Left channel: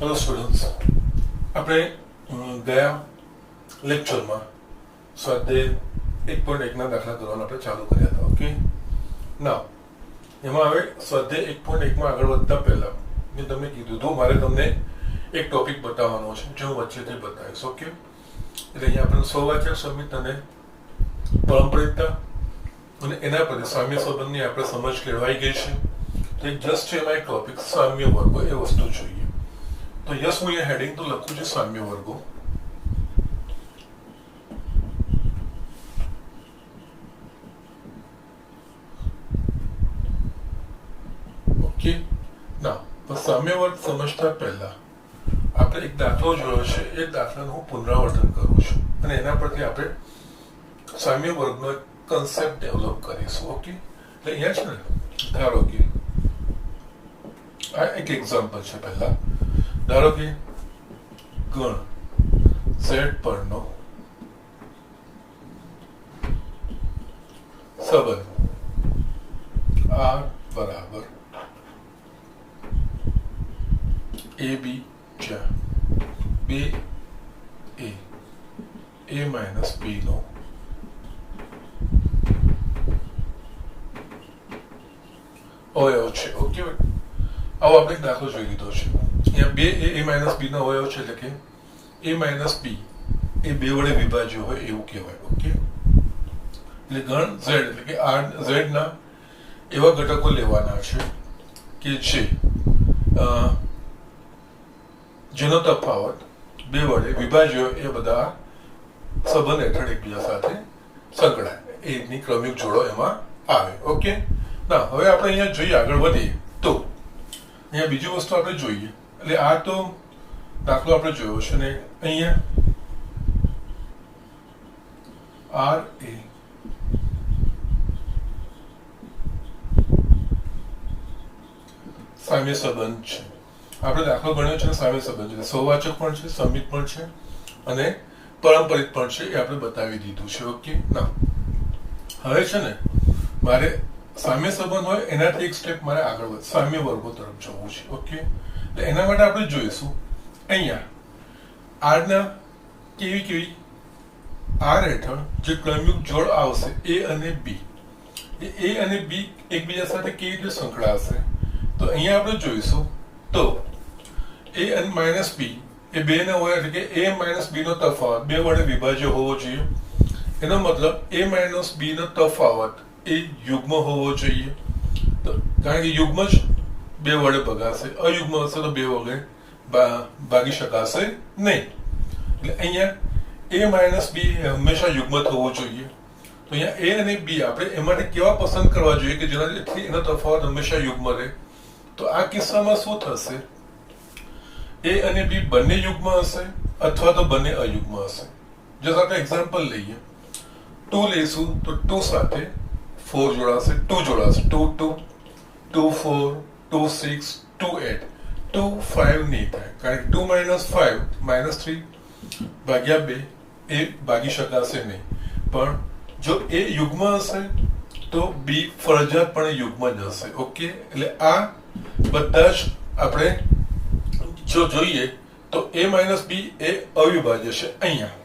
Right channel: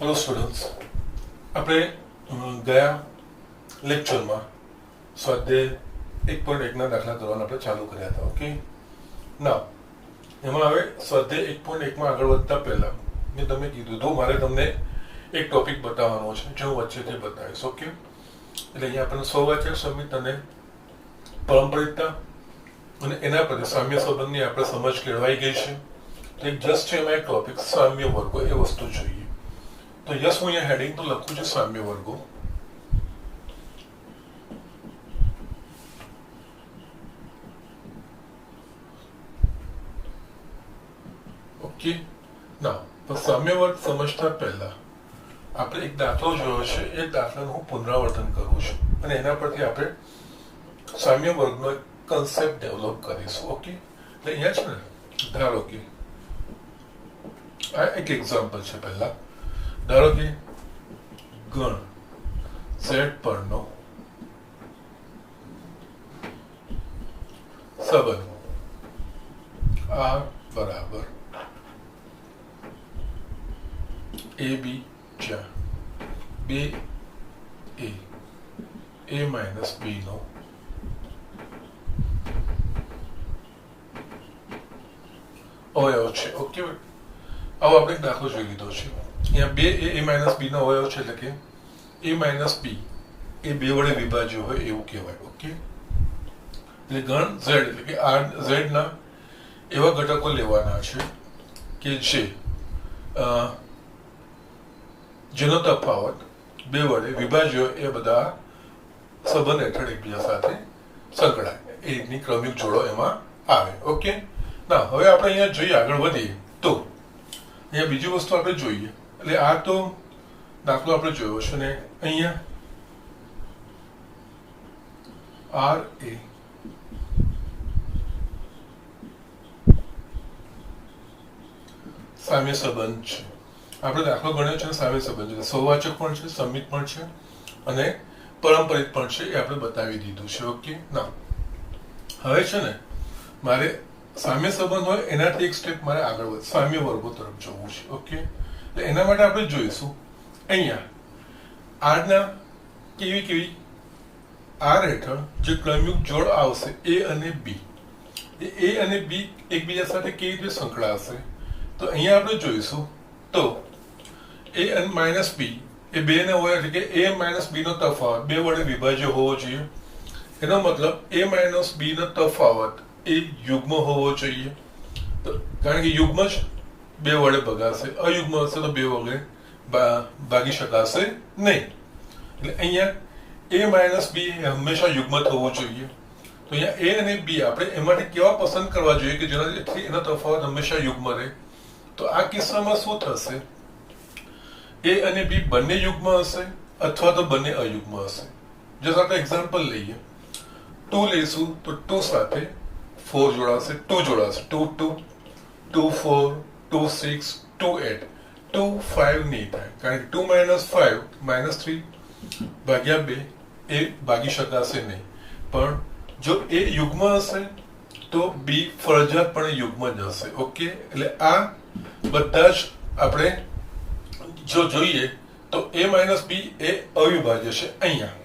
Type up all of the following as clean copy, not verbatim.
Hello students, આપણે ગયા લેક્ચરમાં સ્વાધ્યાય 1.1ના દાખલા કરવાના આપણે ચાલુ કર્યા હતા. ઓકે, ના એમાં હવે સ્વાધ્યાય 1.1માં આગળ વધતા પહેલા મેં તમને કીધું હતું મારે તમને એક ટોપિક બતાવવાનો છે જે હું વચ્ચેથી બતાવીશ. ઓકે, એટલે અહીંયા આપણે સ્વવાચક સમિત અને પારંપરિકતા અને એના પર સામ્ય સંબંધની આપણે સમજ કેળવાઈ ગઈ છે. તો એક જસ્ટ છે એમાં એક ટોપિક સામ્ય વર્ગો એ વસ્તુ જોઈએ. તો યસ, હું અહીંયા હેડિંગ તો લખું છું સામ્ય વર્ગો. ઓકે, ના તો સામ્ય વર્ગ સમજતા પહેલા આપણે એક દાખલો જોયો છે. એ દાખલાનું હું પુનરાવર્તન કરું છું અને એના પરથી આપણે સામ્ય વર્ગનો એક કન્સેપ્ટ ડેવલપ કરીશું. ઓકે, એટલે અહીંયા છે ને, ધારો કે આ એક એક્ઝામ્પલ છે. પહેલા ધારો કે ગણ ઝેડ પરનો સંબંધ R બરાબર AB જ્યાં બે A માઇનસ B નો અવયવ છે. ઓકે, આવો આપણે દાખલો જોઈ લીધો છે. અહીંયા બે A માઇનસ B નો અવયવ છે, એટલે કે A માઇનસ B એ બે વડે વિભાજ્ય હોય એવું કહેવાય. ઓકે, એટલે ગણ Z એટલે કે Z ના એવા ઘટકો લેવાના છે કે જેનો તફાવત બે વડે વિભાજ્ય એ બધા સંબંધ હેઠળ એકબીજા સાથે સંકળાય, એ રીતની ક્રમિક જોડો એમાં આવે. ઓકે, ના હવે આપણે અહીંયા જોઈએ, આગળ વધીએ તો અહીંયા બીજી વસ્તુ આપણે જોઈએ. એટલે આ તો દાખલો આપણે જોયો છે ને, અહીંયા R એ સામ્ય સંબંધ છે. આપણે દાખલો ગણ્યો છે સામ્ય સંબંધ છે, સ્વવાચક પણ છે, સમિત પણ છે અને પારંપરિક પણ છે, એ આપણે બતાવી દીધું છે. ઓકે, ના હવે છે ને મારે સામ્ય સંબંધ હોય એનાથી એક સ્ટેપ મારે આગળ સામ્ય વર્ગો તરફ જવું છે. ઓકે, એટલે એના માટે આપણે જોઈશું અહીંયા R ના કેવી R હેઠળ જે ક્રમિક જોડ આવશે A અને B, એ A અને B એકબીજા સાથે કેવી રીતે સંકળાશે, તો અહીંયા આપણે જોઈશું. તો A અને માઇનસ B એ બે ને હોય, એટલે કે A માઇનસ B નો તફાવત બે વડે વિભાજ્ય હોવો જોઈએ. એનો મતલબ A માઇનસ B નો તફાવત એ યુગ્મ હોવો જોઈએ. તો કારણ કે યુગ્મ જ બે વડે ભગાશે, અયુગ્મ હશે તો બે વડે ભાગી શકાશે નહીં. એટલે અહીંયા A માઇનસ B હંમેશા યુગ્મ થવું જોઈએ. તો અહીંયા A અને B આપણે એમાંથી કેવા પસંદ કરવા જોઈએ કે જેનાથી એનો તફાવત હંમેશા યુગ્મ રહે. તો આ કિસ્સામાં શું થશે, A અને B બંને યુગ્મ હશે અથવા તો બંને અયુગ્મ હશે. જો આપણે એક્ઝામ્પલ લઈએ, 2 લઈશું તો 2 સાથે 4 જોડાશે, 2 જોડાશે, 2 2 2 4 2 6 2 8 2 5 નહીં થાય, કારણ કે 2 માઇનસ 5 માઇનસ 3 ભાગ્યા 2 એ ભાગી શકાશે નહીં. પણ જો A યુગ્મ હશે તો B ફરજિયાતપણે યુગ્મ જ હશે. ઓકે, એટલે આ બધા જ આપણે જો જોઈએ તો A માઇનસ B એ અવિભાજ્ય છે. અહીંયા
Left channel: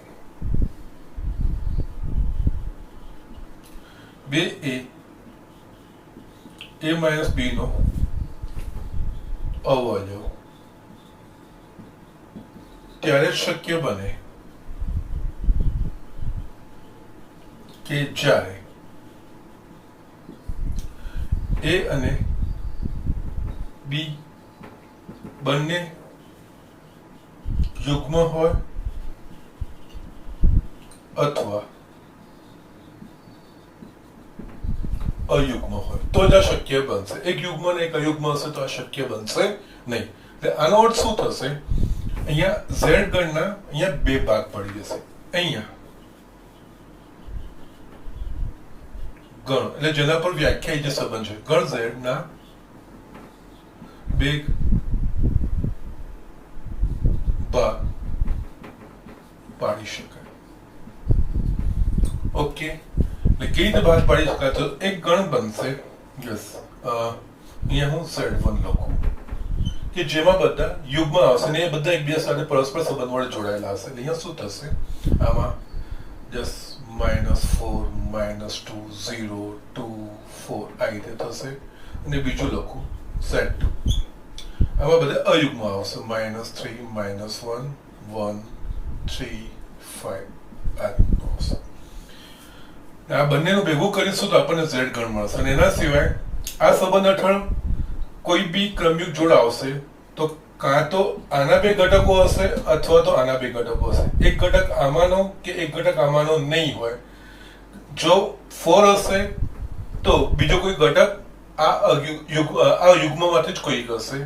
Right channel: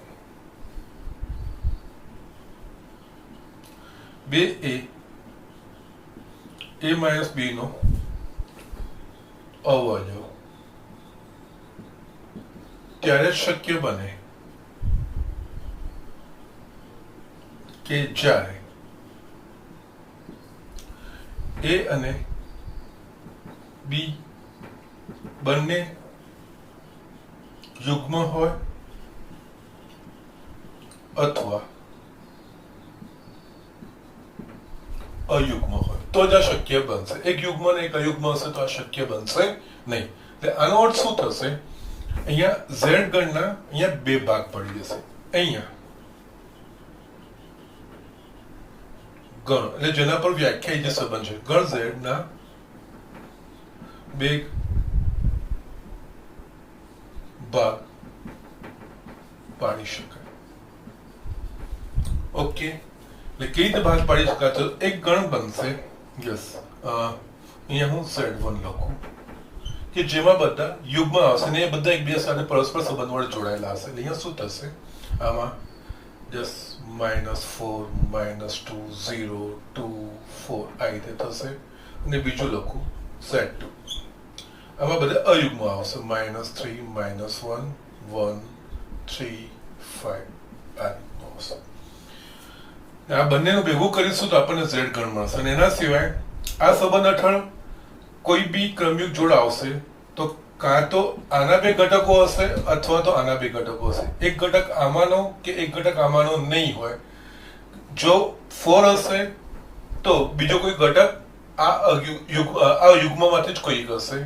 બે A માઇનસ B નો અવયવ ત્યારે જ શક્ય બને કે જ્યારે A અને B બંને યુગ્મ હોય અથવા અયુગ્મ હોય તો જ આ શક્ય બનશે. એક યુગ્મ અને એક અયુગ્મ હશે તો આ શક્ય બનશે નહીં. એટલે આનો અર્થ શું થશે, અહીંયા Z ગણના અહીંયા બે ભાગ પડી જશે. અહીંયા ગણ એટલે જેના પર વ્યાખ્યાયિત જે સંબંધ છે, ગણ Z ના બે ભાગ પાડી શકાય. ઓકે, એટલે કેવી રીતે ભાગ પાડી શકાય, તો એક ગણ બનશે. યસ, અહીંયા હું Z1 લખું કે જેમાં બધા યુગ્મ આવશે ને એ બધા એકબીજા સાથે પરસ્પર સંબંધ વડે જોડાયેલા હશે. અહીંયા શું થશે? આમાં જસ્ટ -4 -2 0 2 4 આ રીતે થશે અને બીજું લખું Z2. આમાં બધા અયુગ્મ આવશે -3 -1 1 3 5 આ આવશે. આ બંનેનું ભેગું કરીશું તો આપણને Z ગણ મળશે. અને એના સિવાય આ સંબંધ હેઠળ કોઈ બી ક્રમયુગ જોડ આવશે તો કાં તો આના બે ઘટકો હશે અથવા તો આના બે ઘટકો હશે. એક ઘટક આમાંનો કે એક ઘટક આમાંનો નહીં હોય. જો 4 હશે તો બીજો કોઈ ઘટક આ યુગ્મમાંથી જ કોઈ હશે,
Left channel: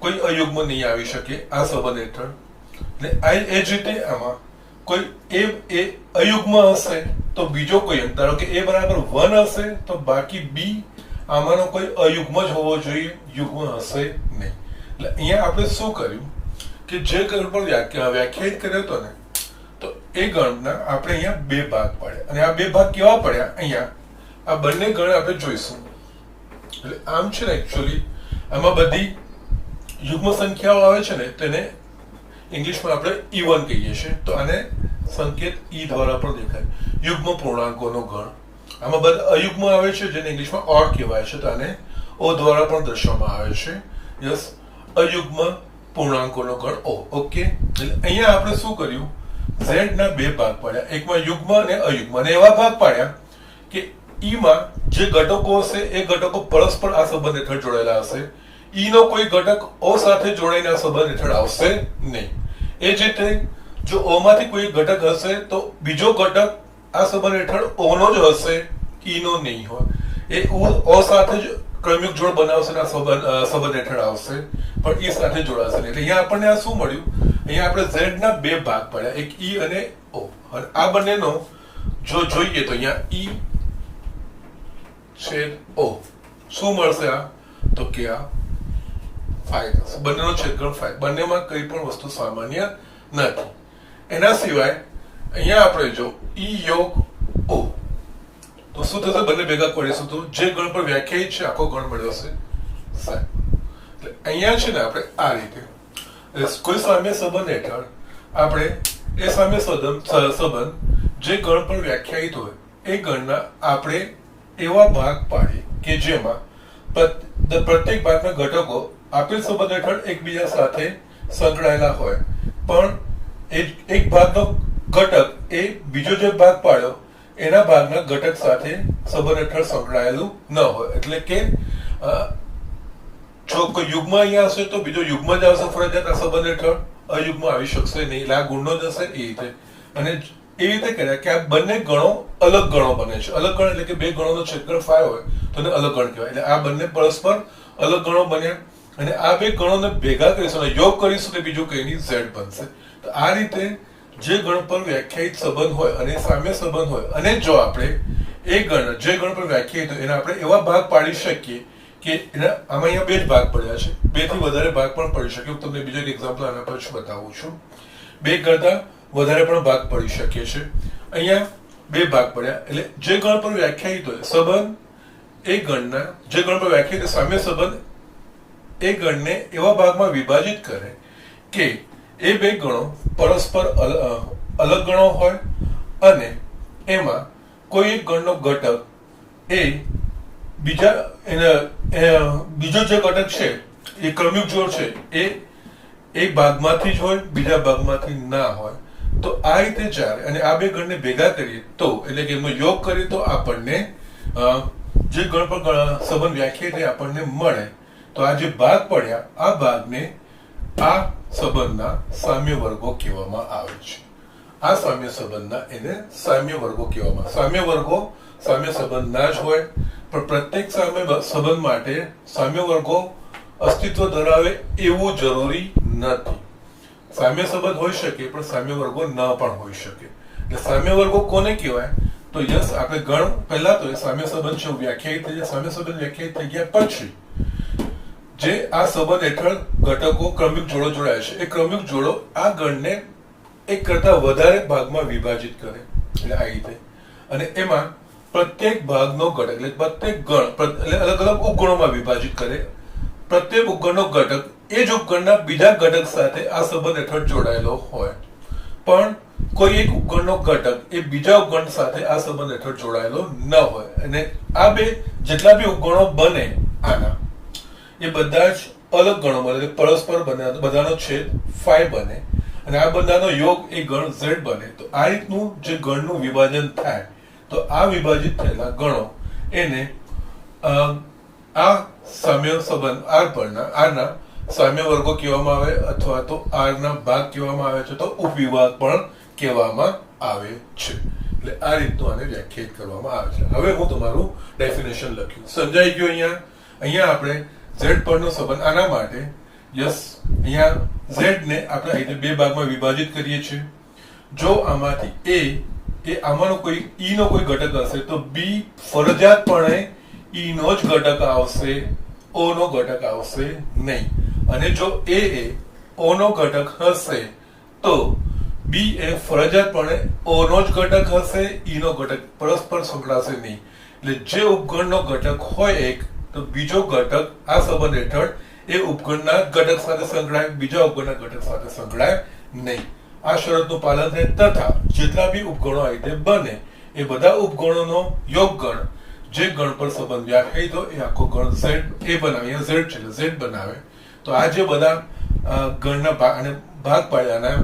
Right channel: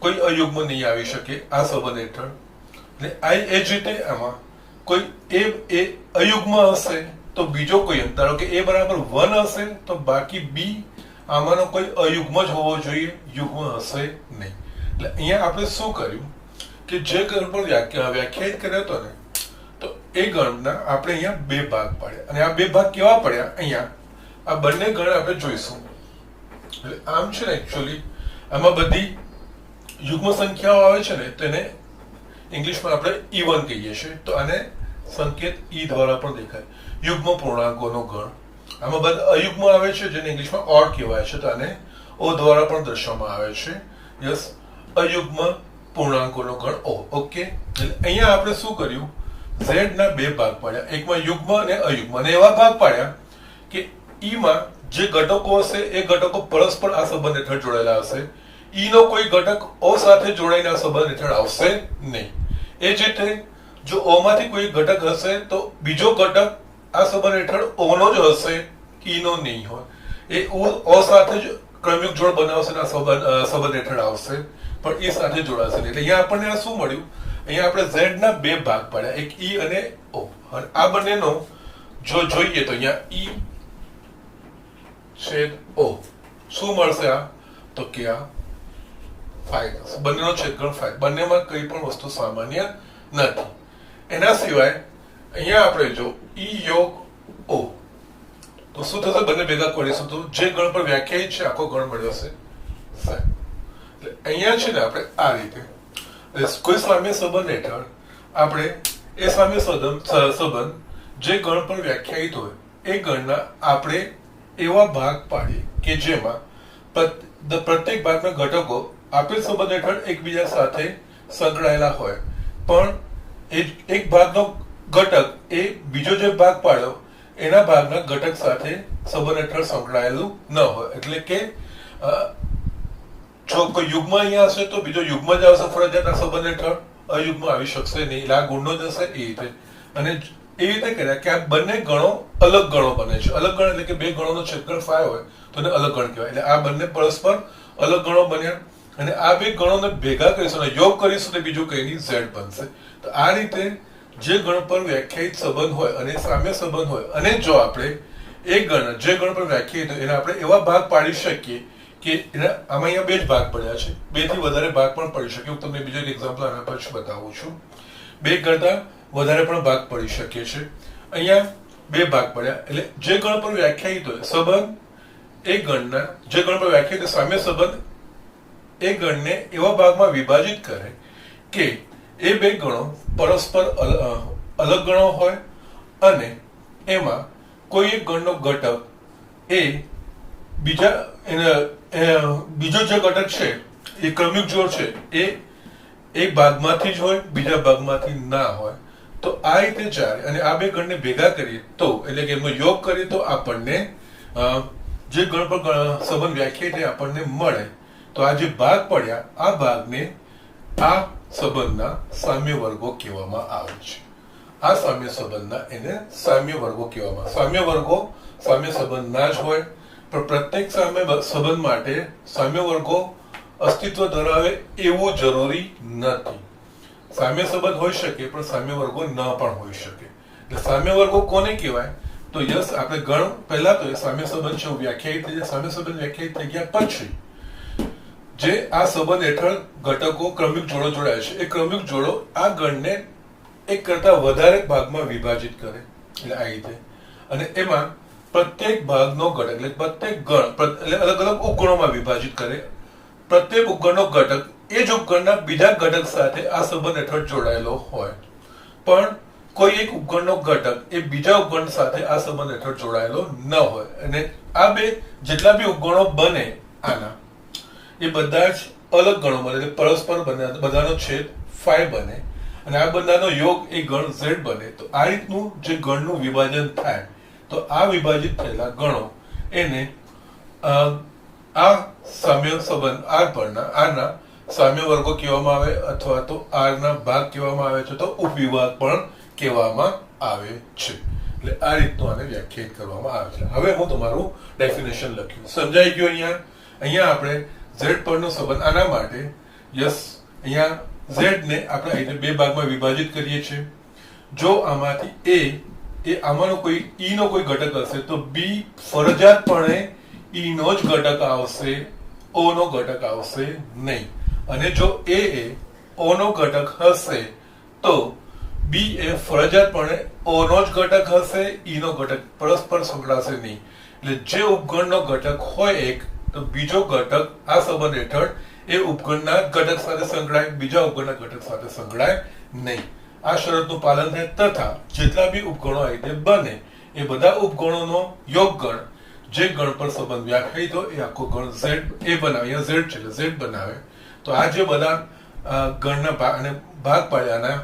કોઈ અયુગ્મ નહીં આવી શકે આ સંબંધ હેઠળ. એ જ રીતે આમાં કોઈ એ અયુગ્મ હશે તો બીજો કોઈ ધારો કે a બરાબર 1 હશે તો બાકી b આમાંનો કોઈ અયુગ્મ જ હોવો જોઈએ, યુગ્મ હશે નહીં. એટલે અહીંયા આપણે શું કર્યું કે જે ગણ પર વ્યાખ્યાયિત કર્યો હતો ને તો એ ગણના આપણે અહીંયા બે ભાગ પાડ્યા. અને આ બે ભાગ કેવા પડ્યા? અહીંયા આ બંને ગણ આપણે જોઈશું. એટલે આમ છે ને એકચ્યુઅલી આમાં બધી યુગ્મ સંખ્યાઓ આવે છે ને તેને ઇંગ્લિશમાં આપણે E1 કહીએ છીએ. તો આને સંકેત E દ્વારા પણ દેખાય, યુગ્મ પૂર્ણાંકોનો ગણ. આમાં બધા અયુગ્મ આવે છે જેને ઇંગ્લિશમાં ઓડ કહેવાય છે, તો આને O દ્વારા પણ દર્શાવવામાં આવે છે. યસ, અયુગ્મ પૂર્ણાંકોનો ગણ O. ઓકે, અહીંયા આપણે શું કર્યું? Z ના બે ભાગ પાડ્યા, એકમાં યુગ્મ અને અયુગ્મ, અને એવા ભાગ પાડ્યા કે E માં જે ઘટકો હશે એ ઘટકો પરસ્પર આ સંબંધ હેઠળ જોડાયેલા હશે. E નો કોઈ ઘટક O સાથે જોડાઈને આ સંબંધ હેઠળ આવશે નહીં. એ જ રીતે જો O માંથી કોઈ ઘટક હશે તો બીજો ઘટક આ સંબંધ હેઠળ O નો જ હશે, E નો નહીં હોય. એ O સાથે જ ક્રમિક જોડ બનાવશે ને સંબંધ હેઠળ આવશે, પણ E સાથે જોડાશે નહીં. એટલે અહીંયા આપણને આ શું મળ્યું? અહીંયા આપણે Z ના બે ભાગ પાડ્યા, એક E અને O. અને આ બંનેનો જો જોઈએ તો અહીંયા E છેદ O શું મળશે? આ તો કે આ 5 થશે. બંનેનો છેદગણ 5. બંનેમાં કઈ પણ વસ્તુ સામાન્ય નથી. એના સિવાય અહીંયા આપણે જો E યોગ O તો શું થશે? બંને ભેગા કરીશું તો જે ગણ પર વ્યાખ્યાયિત છે આખો ગણ મળ્યો છે 5. એટલે અહીંયા છે ને આપણે આ રીતે કોઈ સામ્ય સંબંધ હેઠળ આપણે એ સામ્ય સંબંધ જે ગણ પર વ્યાખ્યાયિત હોય એ ગણના આપણે એવા ભાગ પાડીએ કે જેમાં પ્રત્યેક ભાગના ઘટકો આપેલ સંબંધ હેઠળ એકબીજા સાથે સંકળાયેલા હોય, પણ એક ભાગનો ઘટક એ બીજો જે ભાગ પાડ્યો એના ભાગના ઘટક સાથે સંબંધ હેઠળ સંકળાયેલું ન હોય. એટલે કે જો કોઈ યુગ્મ અહીંયા હશે તો બીજો યુગ્મ જ આવશે ફરજિયાત આ સંબંધ હેઠળ, અયુગ્મ આવી શકશે નહીં. એટલે આ ગુણનો જ હશે એ રીતે. અને એ રીતે કર્યા કે આ બંને ગણો અલગ ગણો બને છે. અલગ ગણ એટલે કે બે ગણોનો છેદગણ 5 હોય તો એને અલગ ગણ કહેવાય. એટલે આ બંને પરસ્પર અલગ ગણો બન્યા અને આ બે ગણોને ભેગા કરીશું અને યોગ કરીશું તો બીજું કઈ નહીં, Z બનશે. તો આ રીતે જે ગણ પર વ્યાખ્યાયિત સંબંધ હોય અને સામ્ય સંબંધ હોય અને જો આપણે એ ગણ જે ગણ પર વ્યાખ્યાયિત હોય એને આપણે એવા ભાગ પાડી શકીએ કે આમાં અહીંયા બે જ ભાગ પડ્યા છે, બે થી વધારે ભાગ પણ પડી શકે. હું તમને બીજો એક એક્ઝામ્પલ આના પછી બતાવું છું. બે કરતા વધારે પણ ભાગ પડી શકે છે. અહીંયા બે ભાગ પડ્યા એટલે જે ગણ પર વ્યાખ્યાયિત હોય સંબંધ એ ગણના જે ગણ પર વ્યાખ્યાયિત સામ્ય સંબંધ એ ગણને એવા ભાગમાં વિભાજિત કરે કે એ બે ગણો પરસ્પર અલગ ગણો હોય અને એમાં કોઈ એક ગણનો ઘટક એ બીજો જે ઘટક છે એ ક્રમિક જોડ છે એ એક ભાગમાંથી જ હોય, બીજા ભાગમાંથી ના હોય. તો આ રીતે ચાલે અને આ બે ગણને ભેગા કરીએ તો એટલે કે એમનો યોગ કરીએ તો આપણને જે ગણ પર સંબંધ વ્યાખ્યાયિત આપણને મળે. તો આ જે ભાગ પડ્યા આ ભાગને આ સંબંધના સામ્ય વર્ગો કહેવામાં આવે છે. આ સામ્ય સંબંધના એને સામ્ય વર્ગો કહેવામાં. સામ્ય વર્ગો સામ્ય સંબંધના જ હોય, પણ પ્રત્યેક સામ્ય સંબંધ માટે સામ્ય વર્ગો અસ્તિત્વ ધરાવે એવું જરૂરી નથી. સામ્ય સંબંધ હોઈ શકે પણ સામ્ય વર્ગો ન પણ હોઈ શકે. એટલે સામ્ય વર્ગો કોને કહેવાય? તો યસ, આપણે ગણ પહેલા તો સામ્ય સંબંધ છે વ્યાખ્યાયિત થઈ જાય. સામ્ય સંબંધ વ્યાખ્યાયિત થઈ ગયા પછી જે આ સંબંધ હેઠળ ઘટકો ક્રમિક જોડો જોડાય છે એ ક્રમિક જોડો આ ગણને એક કરતા વધારે ભાગમાં વિભાજિત કરે. એટલે આ રીતે અને એમાં પ્રત્યેક ભાગનો ઘટક એટલે પ્રત્યેક ગણ એટલે અલગ અલગ ઉપગણોમાં વિભાજિત કરે. પ્રત્યેક ઉપગણનો ઘટક એ જ ઉપકરણના બીજા ઘટક સાથે આ સંબંધ હેઠળ જોડાયેલો હોય, પણ કોઈ એક ઉપકરણનો ઘટક એ બીજા ઉપકરણ સાથે આ સંબંધ હેઠળ જોડાયેલો ન હોય, અને આ બે જેટલા બી ઉપકરણો બને આના એ બધા જ અલગ ગણો બને, પરસ્પર બધાનો છેદ ફાઈ બને, અને આ બધાનો યોગ એ ગણ ઝેડ બને. તો આ રીતનું જે ગણનું વિભાજન થાય, તો આ વિભાજિત થયેલા ગણો એને આ સામ્ય સંબંધ આર પરના આરના સામ્ય વર્ગો કહેવામાં આવે, અથવા તો આરના ભાગ કહેવામાં આવે છે, તો ઉપવિભાગ પણ કહેવામાં આવે છે. એટલે આ રીતનું આને વ્યાખ્યાયિત કરવામાં આવે છે. હવે હું તમારું ડેફિનેશન લખ્યું, સમજાઈ ગયું? અહીંયા આપણે ઝેડ પરનો સંબંધ આના માટે યસ, અહીંયા ઝેડ ને આપણે અહીંને બે ભાગમાં વિભાજિત કરીએ છીએ. જો આમાંથી એ આમાંનો કોઈ ઈ નો કોઈ ઘટક હશે, તો બી ફરજિયાતપણે ઈ નો જ ઘટક આવશે, ઓ નો ઘટક આવશે નહીં. અને જો એ ઓ નો ઘટક હશે, તો બી એ ફરજિયાતપણે ઓ નો જ ઘટક હશે, ઈ નો ઘટક પરસ્પર સંકળાશે નહીં. એટલે જે ઉપગણનો ઘટક હોય એક, તો બીજો ઘટક આ સંબંધ હેઠળ એ ઉપગણના ઘટક સાથે સંકળાય, બીજા ઉપગણના ઘટક સાથે સંકળાય નહીં. આ શરતનું પાલન થાય, તથા જેટલા બી ઉપગણો આ રીતે બને એ બધા ઉપગણોનો યોગ ગણ જે ગણ પર સંબંધ વ્યાખ્યાયિત હોય એ આખો ગણ ઝેડ એ બનાવે. અહીંયા ઝેડ છે એટલે ઝેડ બનાવે. તો આ જે બધા ગણના ભાગ અને ભાગ પાડ્યાના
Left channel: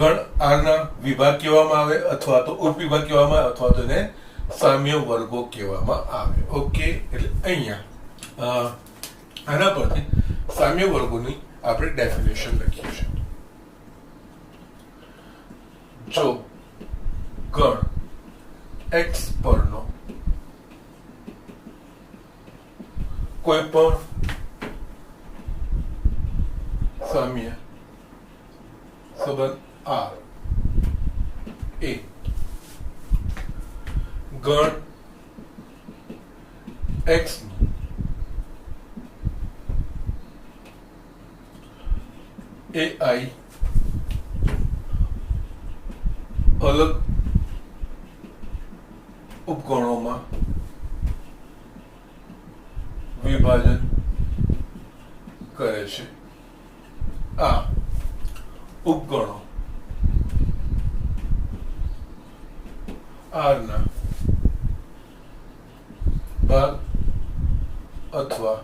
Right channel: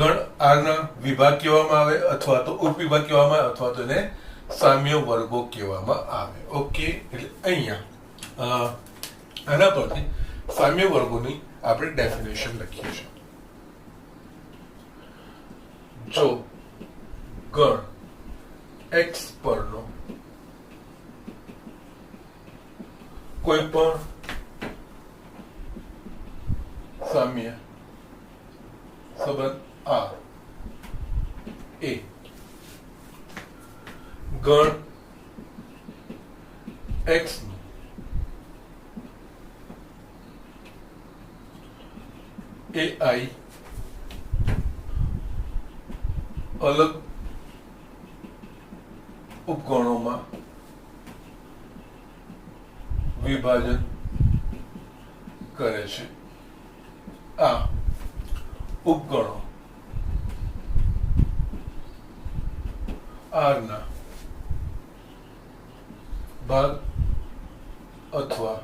ગણ આરના વિભાગ કહેવામાં આવે, અથવા તો ઉપવિભાગ કહેવામાં આવે, અથવા તો એને સામ્ય વર્ગો કહેવામાં આવે. ઓકે, એટલે અહીંયા આના પરથી સામ્ય વર્ગોની આપણે ડેફિનેશન લખીએ છીએ. જો ગણ એક્સ પરનો કોઈ પણ સામ્ય સંબંધ આર એ ગણ એક્સ એ આઈ અલગ ઉપગણોમાં વિભાજન કરે છે. આ ઉપગણો આરના ભાગ અથવા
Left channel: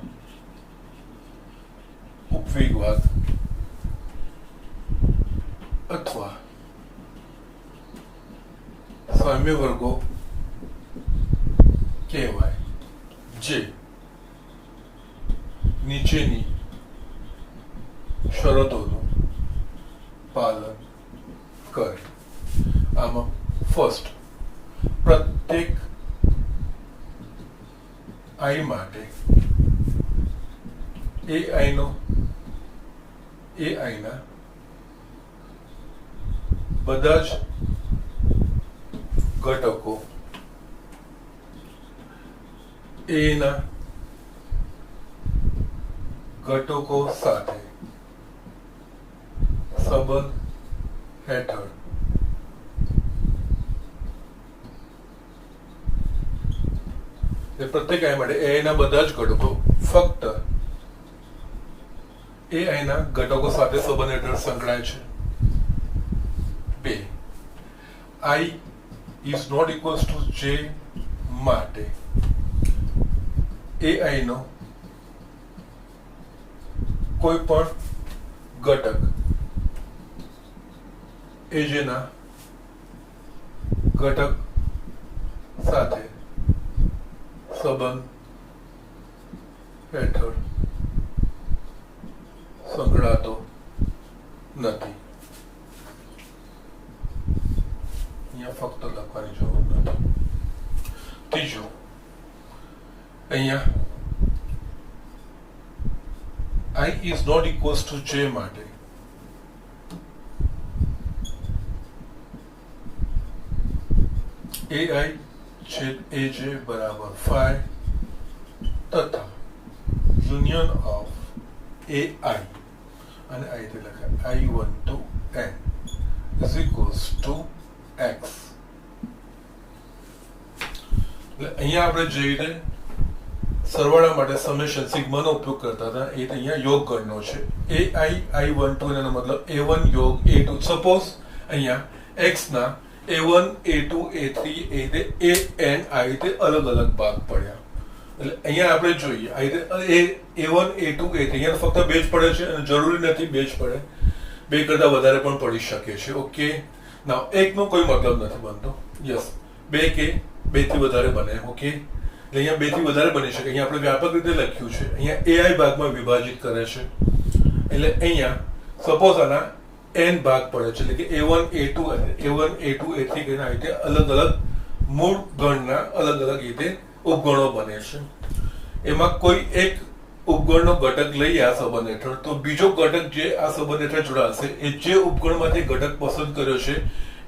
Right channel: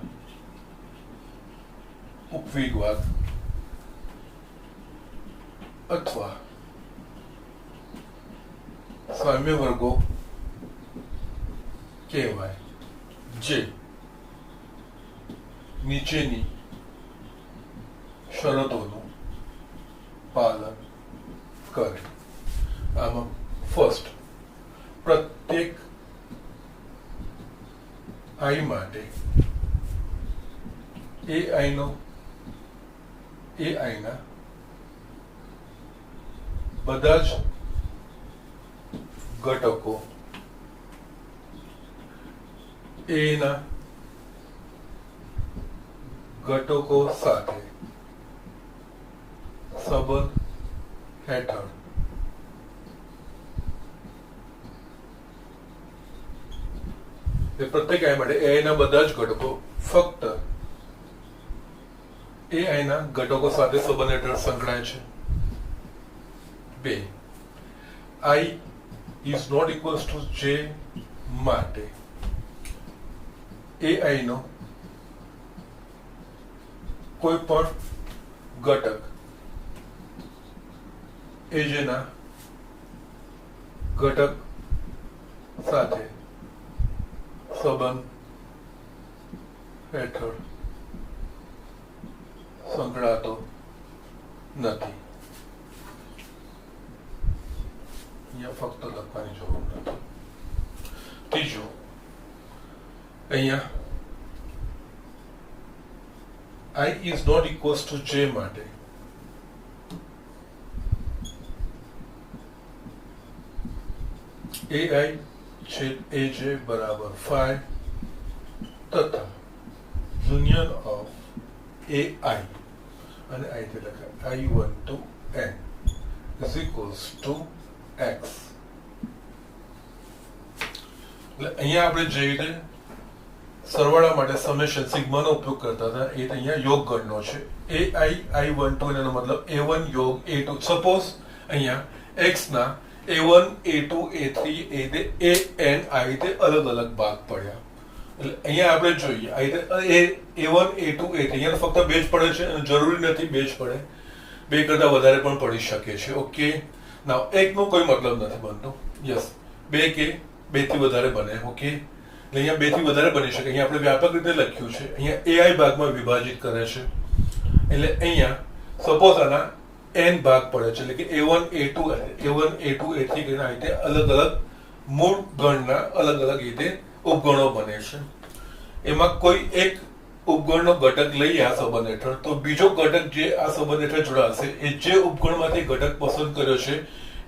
ઉપવિભાગ અથવા સામ્ય વર્ગો કહેવાય, જે નીચેની શરતોનું પાલન કરે. આમાં ફર્સ્ટ, પ્રત્યેક આઈ માટે એ આઈના બધા જ ઘટકો એના ઘટકો સાથે સંબંધ હેઠળ પ્રત્યેક આઈ માટે એના બધા જ ઘટકો ફક્ત એ આઈના ઘટકો સાથે સંબંધ હેઠળ સંકળાય છે. 2, I is not equals to j માટે ai નો કોઈ પણ ઘટક aj ના ઘટક સાથે સંબંધ હેઠળ સંકળાતો નથી. અહીંયા ફક્ત લખવાની જરૂર નથી. ત્રીજું, અહીંયા I is not equals to j માટે ai છેદ aj બરાબર phi તથા યુનિયન ઓફ ai અને આ રીતે લખાય I1 to n is equals to x. એટલે અહીંયા આપણે જે રીતે સરવાળા માટે સમેશન સિગ્માનો ઉપયોગ કરતા હતા એ અહીંયા યોગ ગણનો છે. ai1 એનો મતલબ a1 યોગ a2. સપોઝ અહીંયા x ના a1 a2 a3 a n આ રીતે અલગ અલગ ભાગ પડ્યા. એટલે અહીંયા આપણે જોઈએ આ રીતે a1 a2 a3 અહીંયા ફક્ત બે જ પડે છે અને જરૂરી નથી બે જ પડે, બે કરતા વધારે પણ પડી શકે છે. ઓકે, નાવ એકનો કોઈ મતલબ નથી બનતો. યસ, બે કે બે થી વધારે બને. ઓકે, અહીંયા બે થી વધારે બની શકે. અહીંયા આપણે વ્યાપક રીતે લખ્યું છે, અહીંયા ai ભાગમાં વિભાજિત કરે છે. એટલે અહીંયા સપોઝ આના n ભાગ પડે છે, એટલે કે a1 a2 a1 a2 a3 કરીને આ રીતે અલગ અલગ મૂળ ગણના અલગ અલગ રીતે ઉપગણો બને છે. એમાં કોઈ એક ઉપગણનો ઘટક લઈએ આ સંબંધ હેઠળ, તો બીજો ઘટક જે આ સંબંધ હેઠળ જોડાશે એ જે ઉપગણમાંથી ઘટક પસંદ કર્યો છે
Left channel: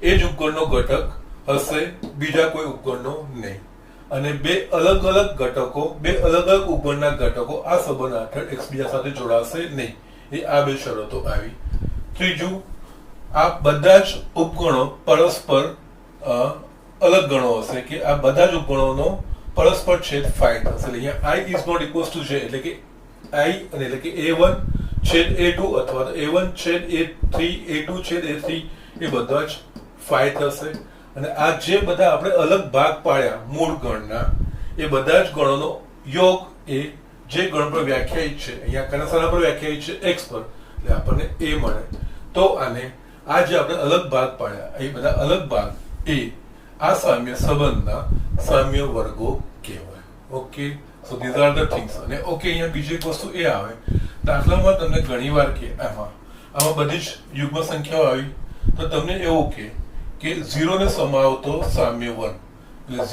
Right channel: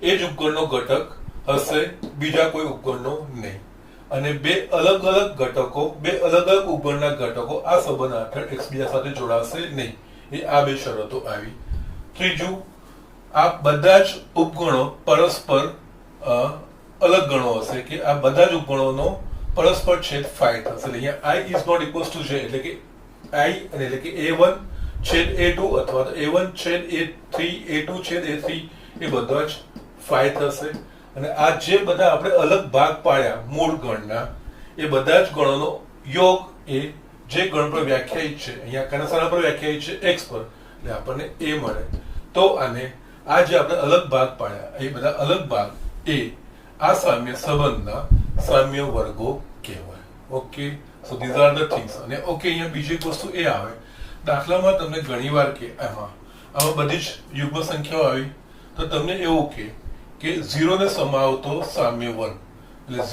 એ જ ઉપગણનો ઘટક હશે, બીજા કોઈ ઉપગણનો નહીં. અને બે અલગ અલગ ઘટકો, બે અલગ અલગ ઉપગણના ઘટકો આ સંબંધ હેઠળ એકબીજા સાથે જોડાશે નહીં. એ આ બે શરતો આવી. ત્રીજું, આ બધા જ ઉપગણો પરસ્પર અલગ ગણો હશે, કે આ બધા જ ઉપગણોનો પરસ્પર છેદ ફાઈ થશે. અહીંયા i is not equals to j, એટલે કે i એટલે કે a1 છેદ a2 અથવા તો a1 છેદ a3 a2 છેદ a3 એ બધા જ ફાઈ થશે. અને આ જે બધા આપણે અલગ ભાગ પાડ્યા મૂળ ગણના એ બધા જ ગણોનો યોગ એ જે ગણ પર વ્યાખ્યાયિત છે, અહીંયા કયા સ્થાન પર વ્યાખ્યાયિત છે x પર, એટલે આપણને a મળે. તો આને આ જે આપણે અલગ ભાગ પાડ્યા એ બધા અલગ ભાગ એ આ સામ્ય સંબંધના સામ્ય વર્ગો કહેવાય. Okay, so these are the things. અને ઓકે, અહીંયા બીજી એક વસ્તુ એ આવે, દાખલામાં તમને ઘણીવાર કે આમાં બધી જ યુગ્મ સંખ્યાઓ આવી તો તમને એવું કે 0 ને સમાવતો સામ્ય વર્ગ, એટલે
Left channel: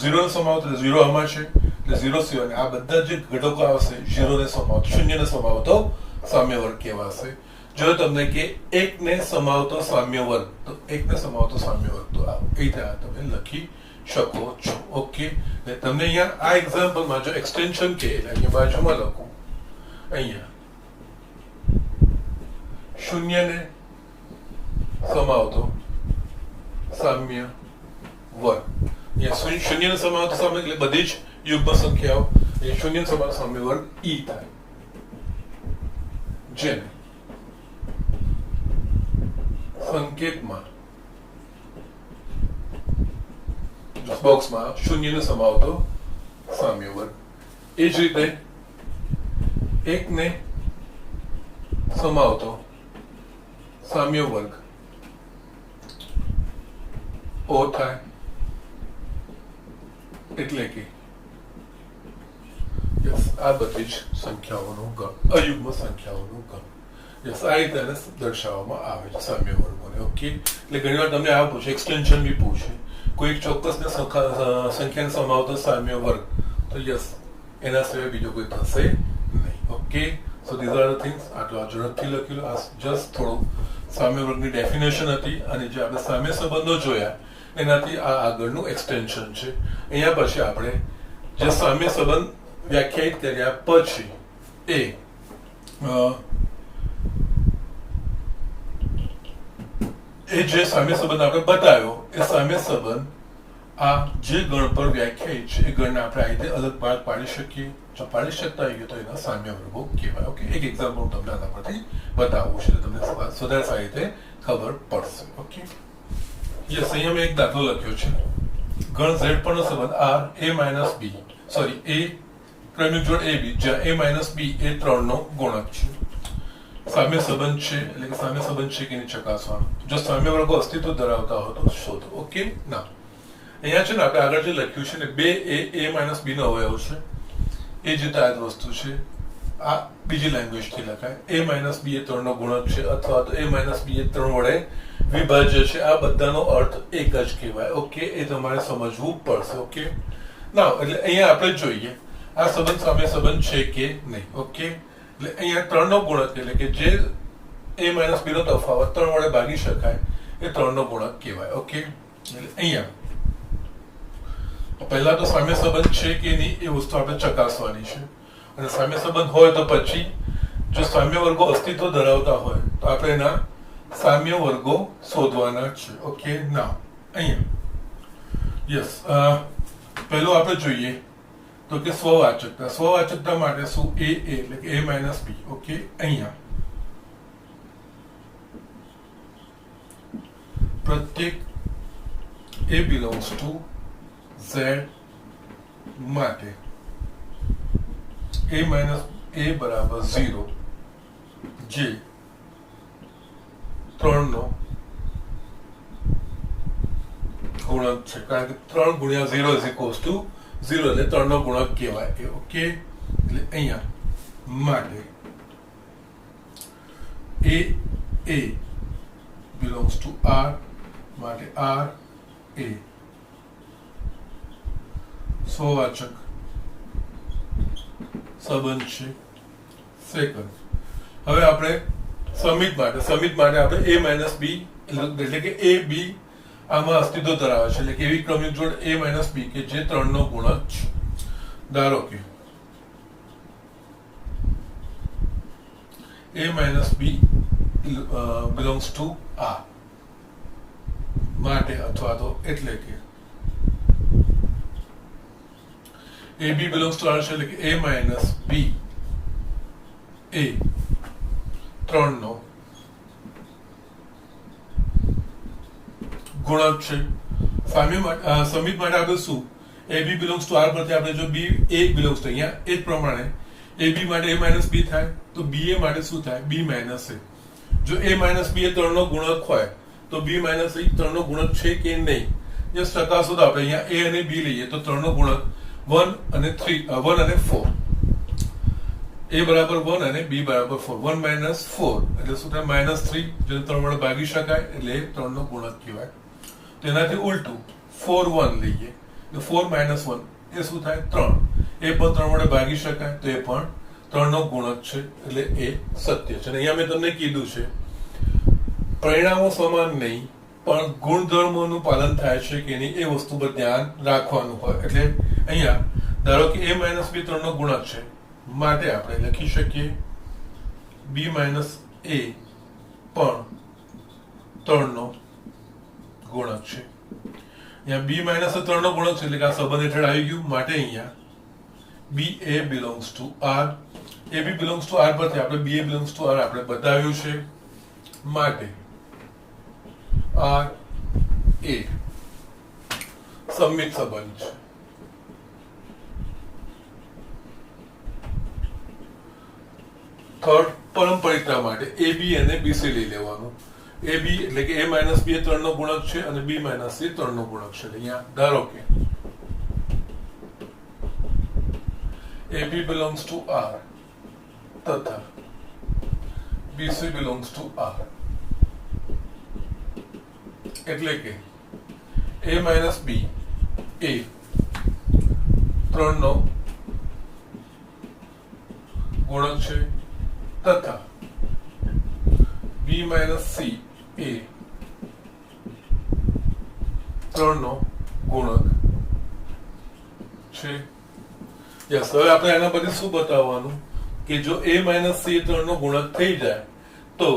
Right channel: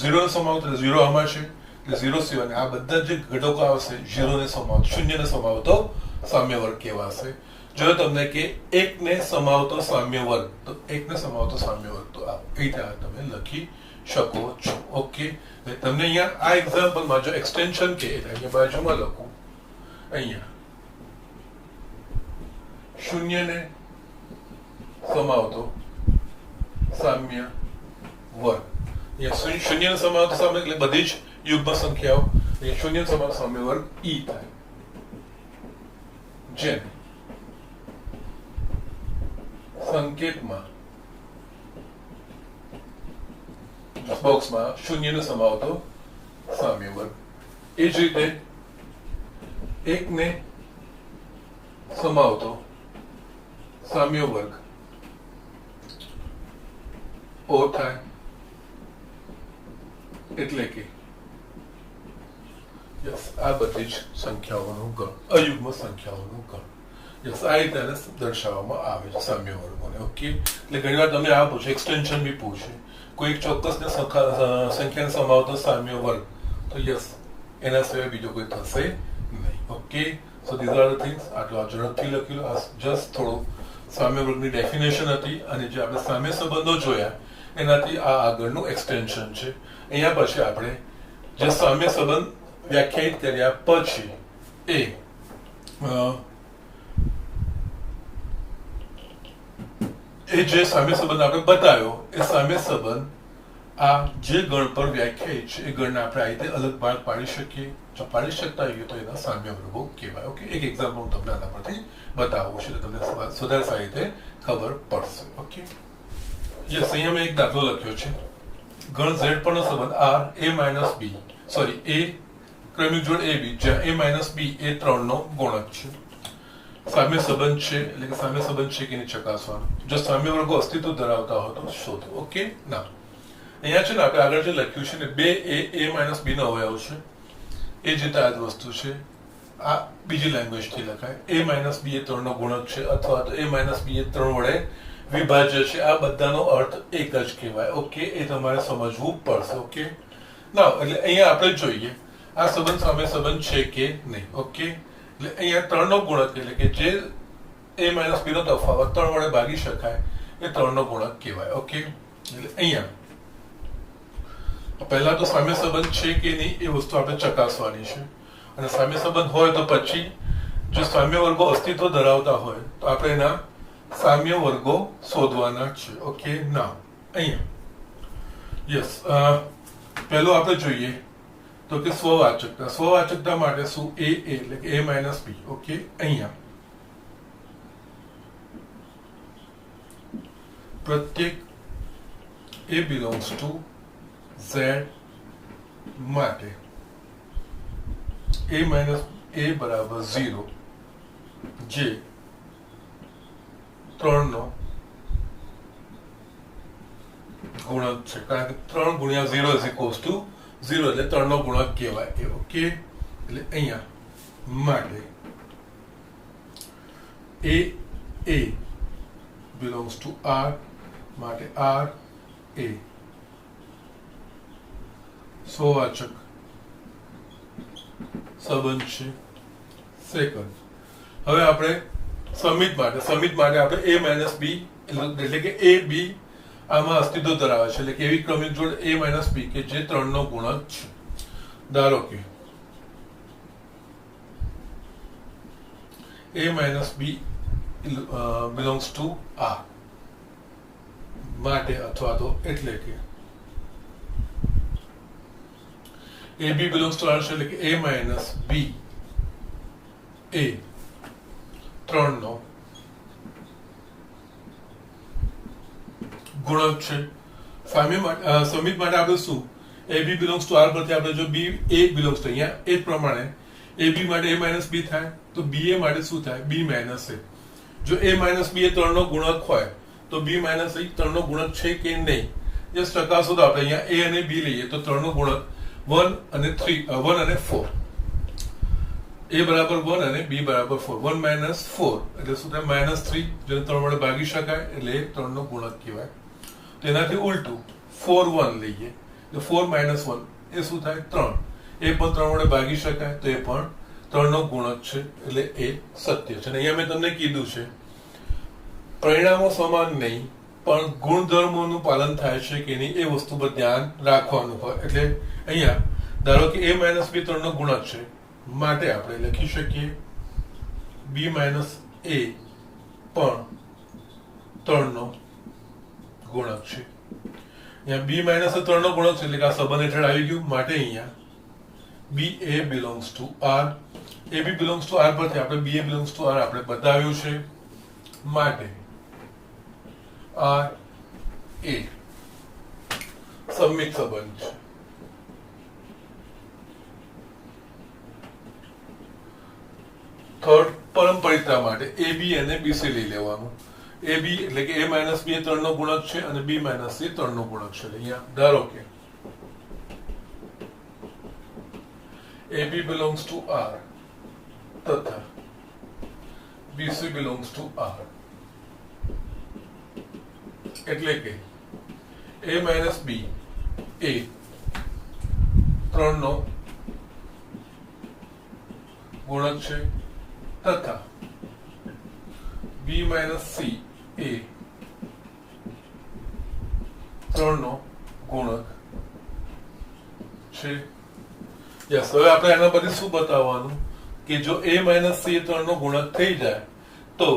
0 ને સમાવતો 0 આમાં છે, એટલે 0 સિવાય આ બધા જે ઘટકો આવશે 0 ને સમાવતો, 0 ને સમાવતો સામ્ય વર્ગ કહેવાશે. જો તમને કે 1 ને સમાવતો સામ્ય વર્ગ, તો 1 ને સમાવતો સામ્ય વર્ગ તો આ રીતે તમે લખી શકો છો. ઓકે, તમને અહીંયા આ એક્ઝામ્પલમાં જો એક્સટેન્શન કે અહીંયા બાજુમાં લખું, અહીંયા 0 ને સમાવતો સામ્ય વર્ગ, અહીંયા 0 ને સમાવતો સામ્ય એટલે બધી જ યુગ્મ સંખ્યાઓ, 0 ને સમાવતો સામ્ય વર્ગ e થાય, જેને સંકેતમાં બોક્સમાં 0 ને સમાવતો સામ્ય વર્ગ. એ જ રીતે 1 ને સમાવતો સામ્ય વર્ગ o થાય, એટલે કે આ બધી જ સંખ્યાઓનું ગણ, અયુગ્મ સંખ્યાઓનું ગણ. યસ, આ રીતે દર્શાવવામાં આવે છે સામ્ય વર્ગોને. ઓકે, એટલે ઘણી વાર તમને આ પૂછે, એક્સટેન્શન બી પૂછે, કોઈ એક ચોક્કસ સંખ્યાને સમાવતો સામ્ય વર્ગ, તો યસ એના સિવાય બીજો કોઈ થશે નહીં. Okay, so these are the things. આટલું ઝડપથી લખી લો. આ જસ્ટ થોડું સામ્ય વર્ગની ડેફિનેશન હતી, અને જે આપણે સામ્ય સંબંધો જોયા એનાથી આ આગળનું એક્સટેન્શન છે. અહીંયા પછી આપણે જે સામ્ય સંબંધ વ્યાખ્યાયિત કર્યા પછી એ જે સામ્ય સંબંધ આપણે બતાવ્યો એ સામ્ય સંબંધ આ જે ગણ પર વ્યાખ્યાયિત છે એ ગણને આપણે આ રીતે અલગ ભાગ પાડી શકીએ. જો પાડી શકતા હોઈએ તો એના સામ્ય વર્ગો કહેવાય. ઓકે, એક એક્ઝામ્પલ તમને આના પરથી બતાવવું છે, તમને વધારે સારી રીતે ખબર પડશે. ઓકે, યસ, અહીંયા મેં એક દાખલો લખ્યો છે. ગણ z પરનો સંબંધ r a ક્રમિક જોડ ab, જ્યાં a b એ 3 નો ગુણક છે. સામ્ય સંબંધ છે, એટલે કે સામ્ય સંબંધ છે કે નહીં ચકાસવાનું. જો સામ્ય વર્ગો અસ્તિત્વ ધરાવતા હોય તો શોધો. ઓકે, ના અહીંયા છે ને આપણે આગળ જે લખ્યું છે ને 2 a b નો અવયવ છે, એ જ રીતે આ જ વસ્તુ છે. આ બીજી લેંગ્વેજથી લખાય, a b એ 3 નો ગુણક છે, અથવા તો a b એ 3 વડે વિભાજ્ય છે. આ બધાનો અર્થ એક જ કહેવાય. ઓકે, એ તમારે સમજવું પડશે. ઓકે, ના એટલે અહીંયા આપણે જોઈએ આ સંબંધ સામ્ય સંબંધ છે કે નહીં. ઓકે, એટલે અહીંયા 3 નો ગુણક, એટલે કે જે a b નો તફાવત 3 વડે ભાગી શકાય એ 3 નો ગુણક કહેવાય. ઓકે, એટલે અહીંયા પહેલા તો સામ્ય સંબંધ છે કે નહીં એ વસ્તુ આપણે ચકાસવાની છે, અને સામ્ય સંબંધ હોય તો પછી જો સામ્ય વર્ગો અસ્તિત્વ ધરાવતા હોય તો આપણે એના સામ્ય વર્ગો શોધવાના છે. ઓકે, ના અહીંયા યસ પહેલું આપણે જોઈએ તો કે સ્વવાચકતા માટે શું એ એટલે કે a માઇનસ b. ઓકે, અહીંયા પ્રત્યેક a belongs to z માટે a માઇનસ a બરાબર 0 જે 3 નો ગુણક છે, કારણ કે 3 ગુણ્યા 0 ઇઝ ઇક્વલ્સ ટુ 0 એટલે 3 નો ગુણક કહેવાય. ઓકે, એટલે અહીંયા માટે a belongs to r માટે r a સ્વવાચક સંબંધ છે. સેકન્ડ, હવે આપણે સમિત માટે આપણે a માઇનસ b એટલે કે a b આમાં અસ્તિત્વ ધરાવે છે, એટલે કે એવી ક્રમિક જોડ a માઇનસ b કે જે 3 નો ગુણક છે. ધારો કે a minus b belongs to r માટે, અથવા તો એટલે કે ab belongs to r છે, એટલે કે a માઇનસ b એ 3 નો ગુણક છે. સમિત માટે આપણે શું ab belongs to r પરથી આપણે જો b a belongs to અહીંયા એ જ પ્રમાણે ab માટે a માઇનસ b થાય તો ba માટે શું થાય b માઇનસ a. જો a માઇનસ b એ 3 નો ગુણક હોય તો b માઇનસ a 3 નો ગુણક છે કે નહીં, જસ્ટ ચકાસો તો આપણે અહીંયા a અને b લઈએ તો 3 નો ગુણક 1 અને 4, a બરાબર 1 અને b બરાબર 4. 1 માઇનસ 4 એટલે શું થાય -3, જેને 3 વડે ભાગી શકાય એટલે 3 નો ગુણક કહેવાય. તો એનાથી ઉલટું 4 1 લઈએ તો 4 માઇનસ 1 એ શું થાય 3, એ પણ 3 વડે ભાગી શકાય તો એ પણ 3 નો ગુણક છે, એટલે એ સત્ય છે. અને અહીંયા મેં તમને કીધું છે પરિણામો સમાન નહીં પણ ગુણધર્મોનું પાલન થાય છે કે નહીં એ વસ્તુ પર ધ્યાન રાખવાનું હોય. એટલે અહીંયા ધારો કે a માઇનસ b 3 નો ગુણક છે માટે આપણે લખી શકીએ b માઇનસ a પણ 3 નો ગુણક છે. અહીંયા b માઇનસ 3 નો ગુણક છે એટલે કે આ સંબંધ હેઠળ આવી ગયું. માટે અહીંયા ba belongs to r, ab belongs to r પરથી આપણે ba belongs to r આપણે બતાવ્યું છે. માટે r a સમમિત સંબંધ છે. થર્ડ, પરંપરિતા માટે ab અને bc લઈ લેવાનું. ab એટલે કે a માઇનસ b એ 3 નો ગુણક છે અને b માઇનસ c 3 નો ગુણક છે. અહીંયા ધારો કે ab belongs to r તથા bc belongs to r, એટલે કે a માઇનસ b એ 3 નો ગુણક છે તથા b માઇનસ c એ 3 નો ગુણક છે. યસ, હવે આપણે એના પરથી શું બતાવવાનું કે જો a માઇનસ c 3 નો ગુણક થઈ જાય તો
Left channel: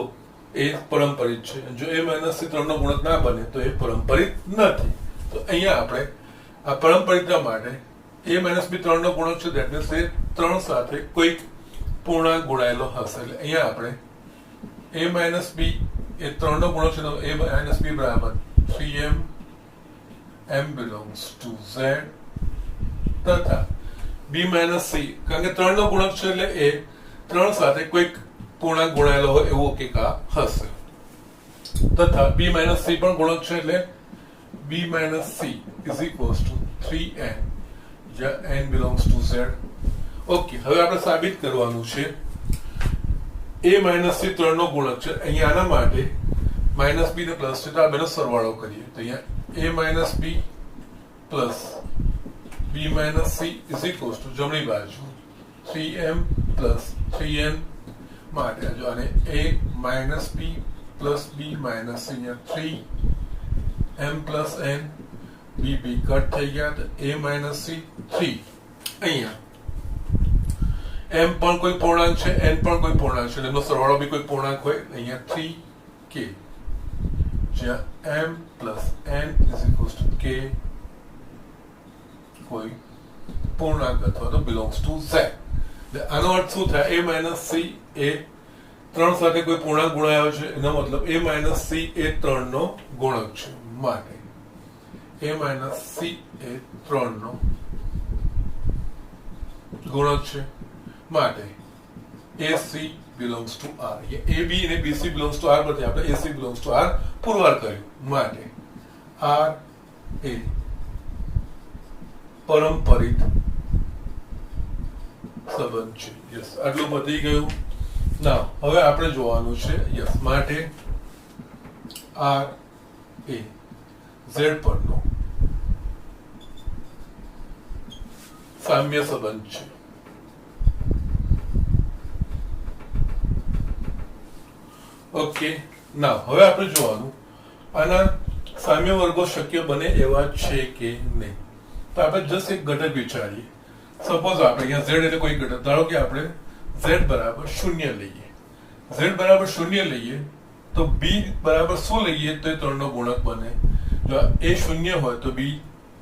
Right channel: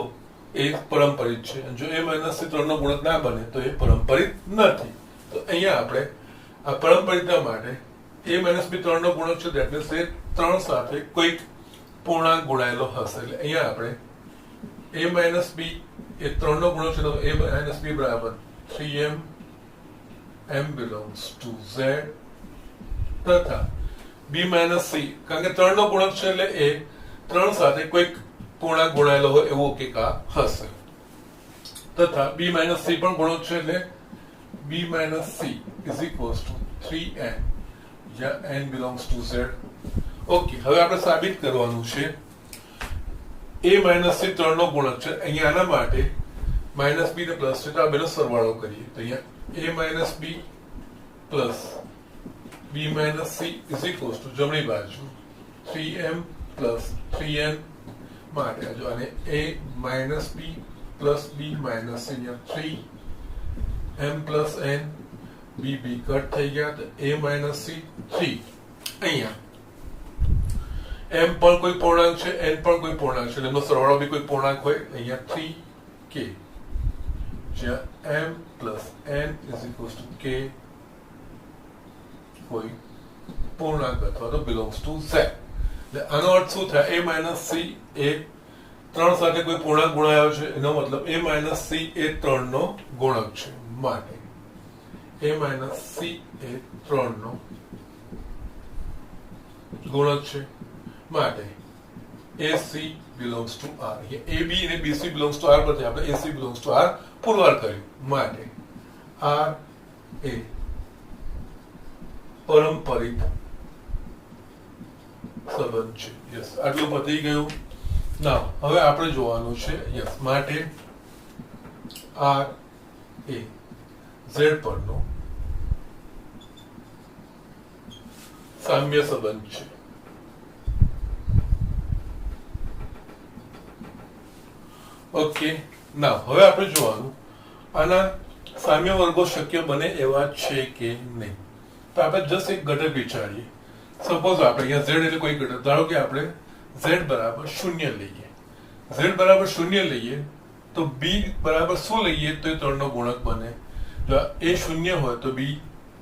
એ પરંપરિત છે, જો a માઇનસ c 3 નો ગુણક ના બને તો એ પરંપરિત નથી. તો અહીંયા આપણે આ પરંપરિતા માટે a માઇનસ b 3 નો ગુણક છે, દેટ મીન્સ એ 3 સાથે કોઈક પૂર્ણાંક ગુણાયેલો હશે. એટલે અહીંયા આપણે a માઇનસ b એ 3 નો ગુણક છે તો a માઇનસ b બરાબર 3m m belongs to z તથા b માઇનસ c, કારણ કે 3 નો ગુણક છે એટલે એ 3 સાથે કોઈક પૂર્ણાંક ગુણાયેલો હોય એવો કંઈક આ હશે. તથા b માઇનસ c પણ ગુણક છે એટલે b minus c is equals to 3n જ્યાં n belongs to z. Okay, હવે આપણે સાબિત કરવાનું છે a માઇનસ c 3 નો ગુણક છે. અહીંયા આના માટે માઇનસ b ને પ્લસ છે તો આ બેનો સરવાળો કરીએ તો અહીંયા a minus b plus b minus c is equals to જમણી બાજુ 3m પ્લસ 3n માટે જો આને a minus b plus b minus c અહીંયા 3m plus n b b cut થઈ ગયા તો a માઇનસ c 3. અહીંયા m પણ કોઈ પૂર્ણાંક છે, n પણ કોઈ પૂર્ણાંક છે, એનો સરવાળો બી કોઈ પૂર્ણાંક હોય. અહીંયા 3k જ્યાં m plus n is equals to k કોઈ પૂર્ણાંક અથવા તો બિલોંગ્સ ટુ ઝેડ. આનો અર્થ શું થાય? a માઇનસ સી એ 3 સાથે કોઈ પૂર્ણાંક ગુણાયો છે, એનો મતલબ a માઇનસ સી એ 3 નો ગુણક છે. માટે a માઇનસ સી એ 3 નો ગુણક છે. માટે AC belongs to R. AB અને BC belongs to R પરથી આપણે AC belongs to R પુરવાર કર્યું. માટે R એ પરંપરિત સંબંધ છે. યસ, આટલું પતી ગયું. ના, હવે આપણે જોવાનું છે યસ માટે R એ Z પરનો સામ્ય સંબંધ છે. ઓકે, ના હવે આપણે જોવાનું આના સામ્ય વર્ગો શક્ય બને એવા છે કે નહીં. તો આપણે જસ્ટ એક ઘટક વિચારીએ. સપોઝ આપણે અહીંયા z એટલે કોઈ ઘટક, ધારો કે આપણે z બરાબર 0 લઈએ. z બરાબર 0 લઈએ તો b બરાબર શું લઈએ તો એ 3 નો ગુણક બને. જો a 0 હોય તો b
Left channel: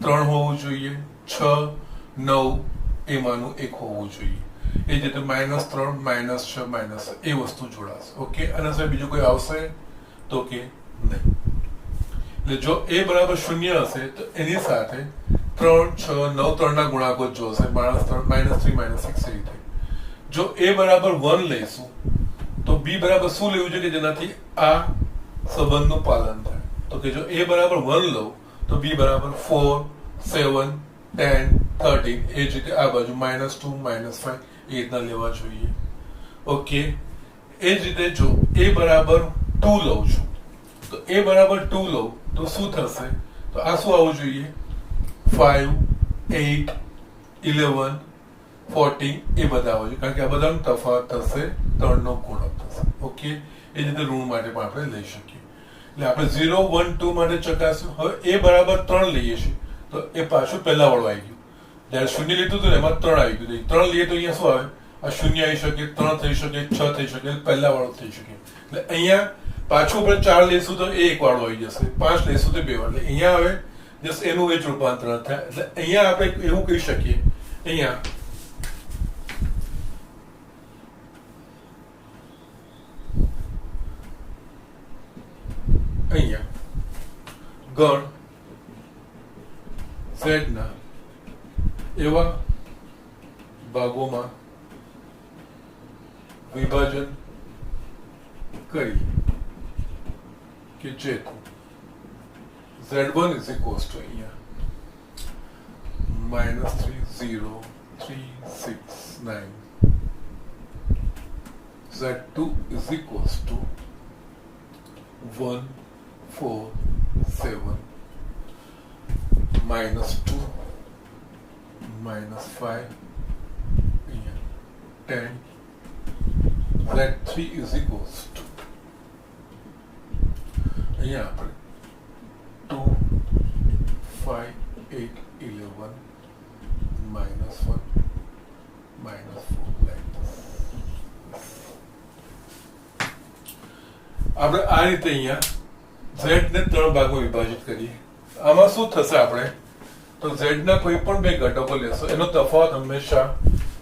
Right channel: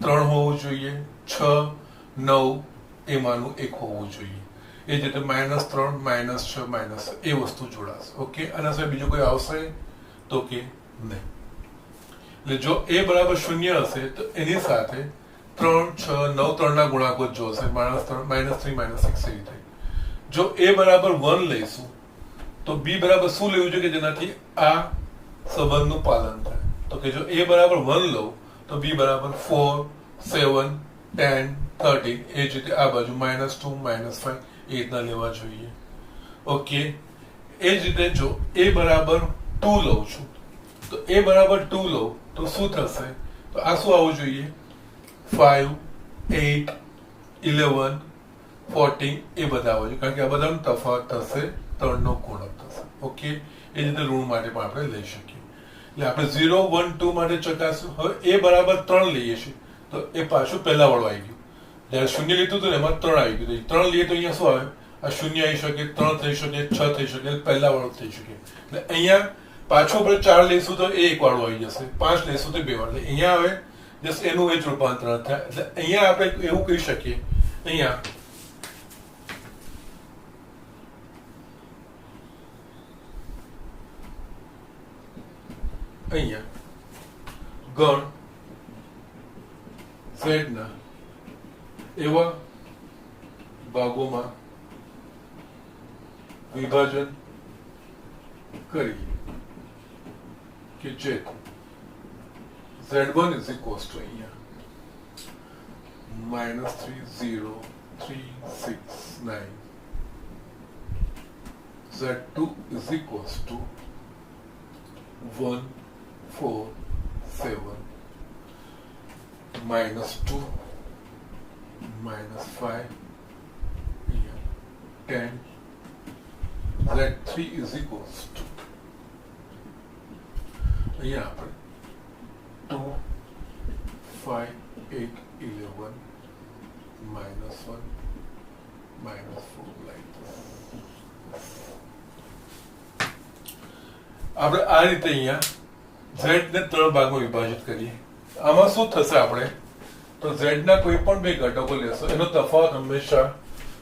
3 હોવું જોઈએ, 6 9 એમાંનું એક હોવું જોઈએ. એ જ રીતે -3 -6 -6 એ વસ્તુ જોડાશે. ઓકે, આના સિવાય બીજું કોઈ આવશે તો કે નહીં. એટલે જો a બરાબર 0 હશે તો એની સાથે 3 6 9 3 ના ગુણાકો જ જોશે. -3 -6 એ રીતે. જો a બરાબર 1 લઈશું તો b બરાબર શું લેવું જોઈએ કે જેનાથી આ સંબંધનું પાલન થાય? તો કે જો a બરાબર 1 લઉં તો b બરાબર 4 7 10 13 એ જ રીતે આ બાજુ -2 -5 એ રીતના લેવા જોઈએ. ઓકે, એ જ રીતે જો a બરાબર 2 લઉં છું તો a બરાબર 2 લઉં તો શું થશે? તો આ શું આવવું જોઈએ? 5 8 11 14 એ બધા આવવું જોઈએ, કારણ કે આ બધાનો તફાવત થશે 3 નો ગુણક થશે. ઓકે, એ જ રીતે ઋણ માટે પણ આપણે લઈ શકીએ. એટલે આપણે 0 1 2 માટે ચકાસ્યું. હવે a બરાબર 3 લઈએ છીએ તો એ પાછું પહેલા વાળું આવી ગયું. જયારે 0 લીધું હતું ને એમાં 3 આવી ગયું. 3 લઈએ તો અહીંયા શું આવે? આ 0 આવી શકે, 3 થઈ શકે, 6 થઈ શકે, પહેલા વાળું થઈ શકે. એટલે અહીંયા પાછું આપણે 4 લઈશું તો એ એક વાળું આવી જશે, 5 લઈશું તો 2 વાળું. એટલે અહીંયા આવે જસ્ટ એનું એ જ રૂપાંતર થાય. એટલે અહીંયા આપણે એવું કહી શકીએ, અહીંયા ગણ Z ના એવા ભાગોમાં વિભાજન કરીએ કે જેથી Z1 is equals to અહીંયા -30369, Z2 is equals to 147 -2 -5 10. Z3 is equals to અહીંયા આપણે 2 5 8 11 -1 -4 like this. આપણે આ રીતે અહીંયા z ને 3 ભાગમાં વિભાજિત કરીએ. આમાં શું થશે? આપણે તો z ના કોઈ પણ બે ઘટકો લેશો એનો તફાવત હંમેશા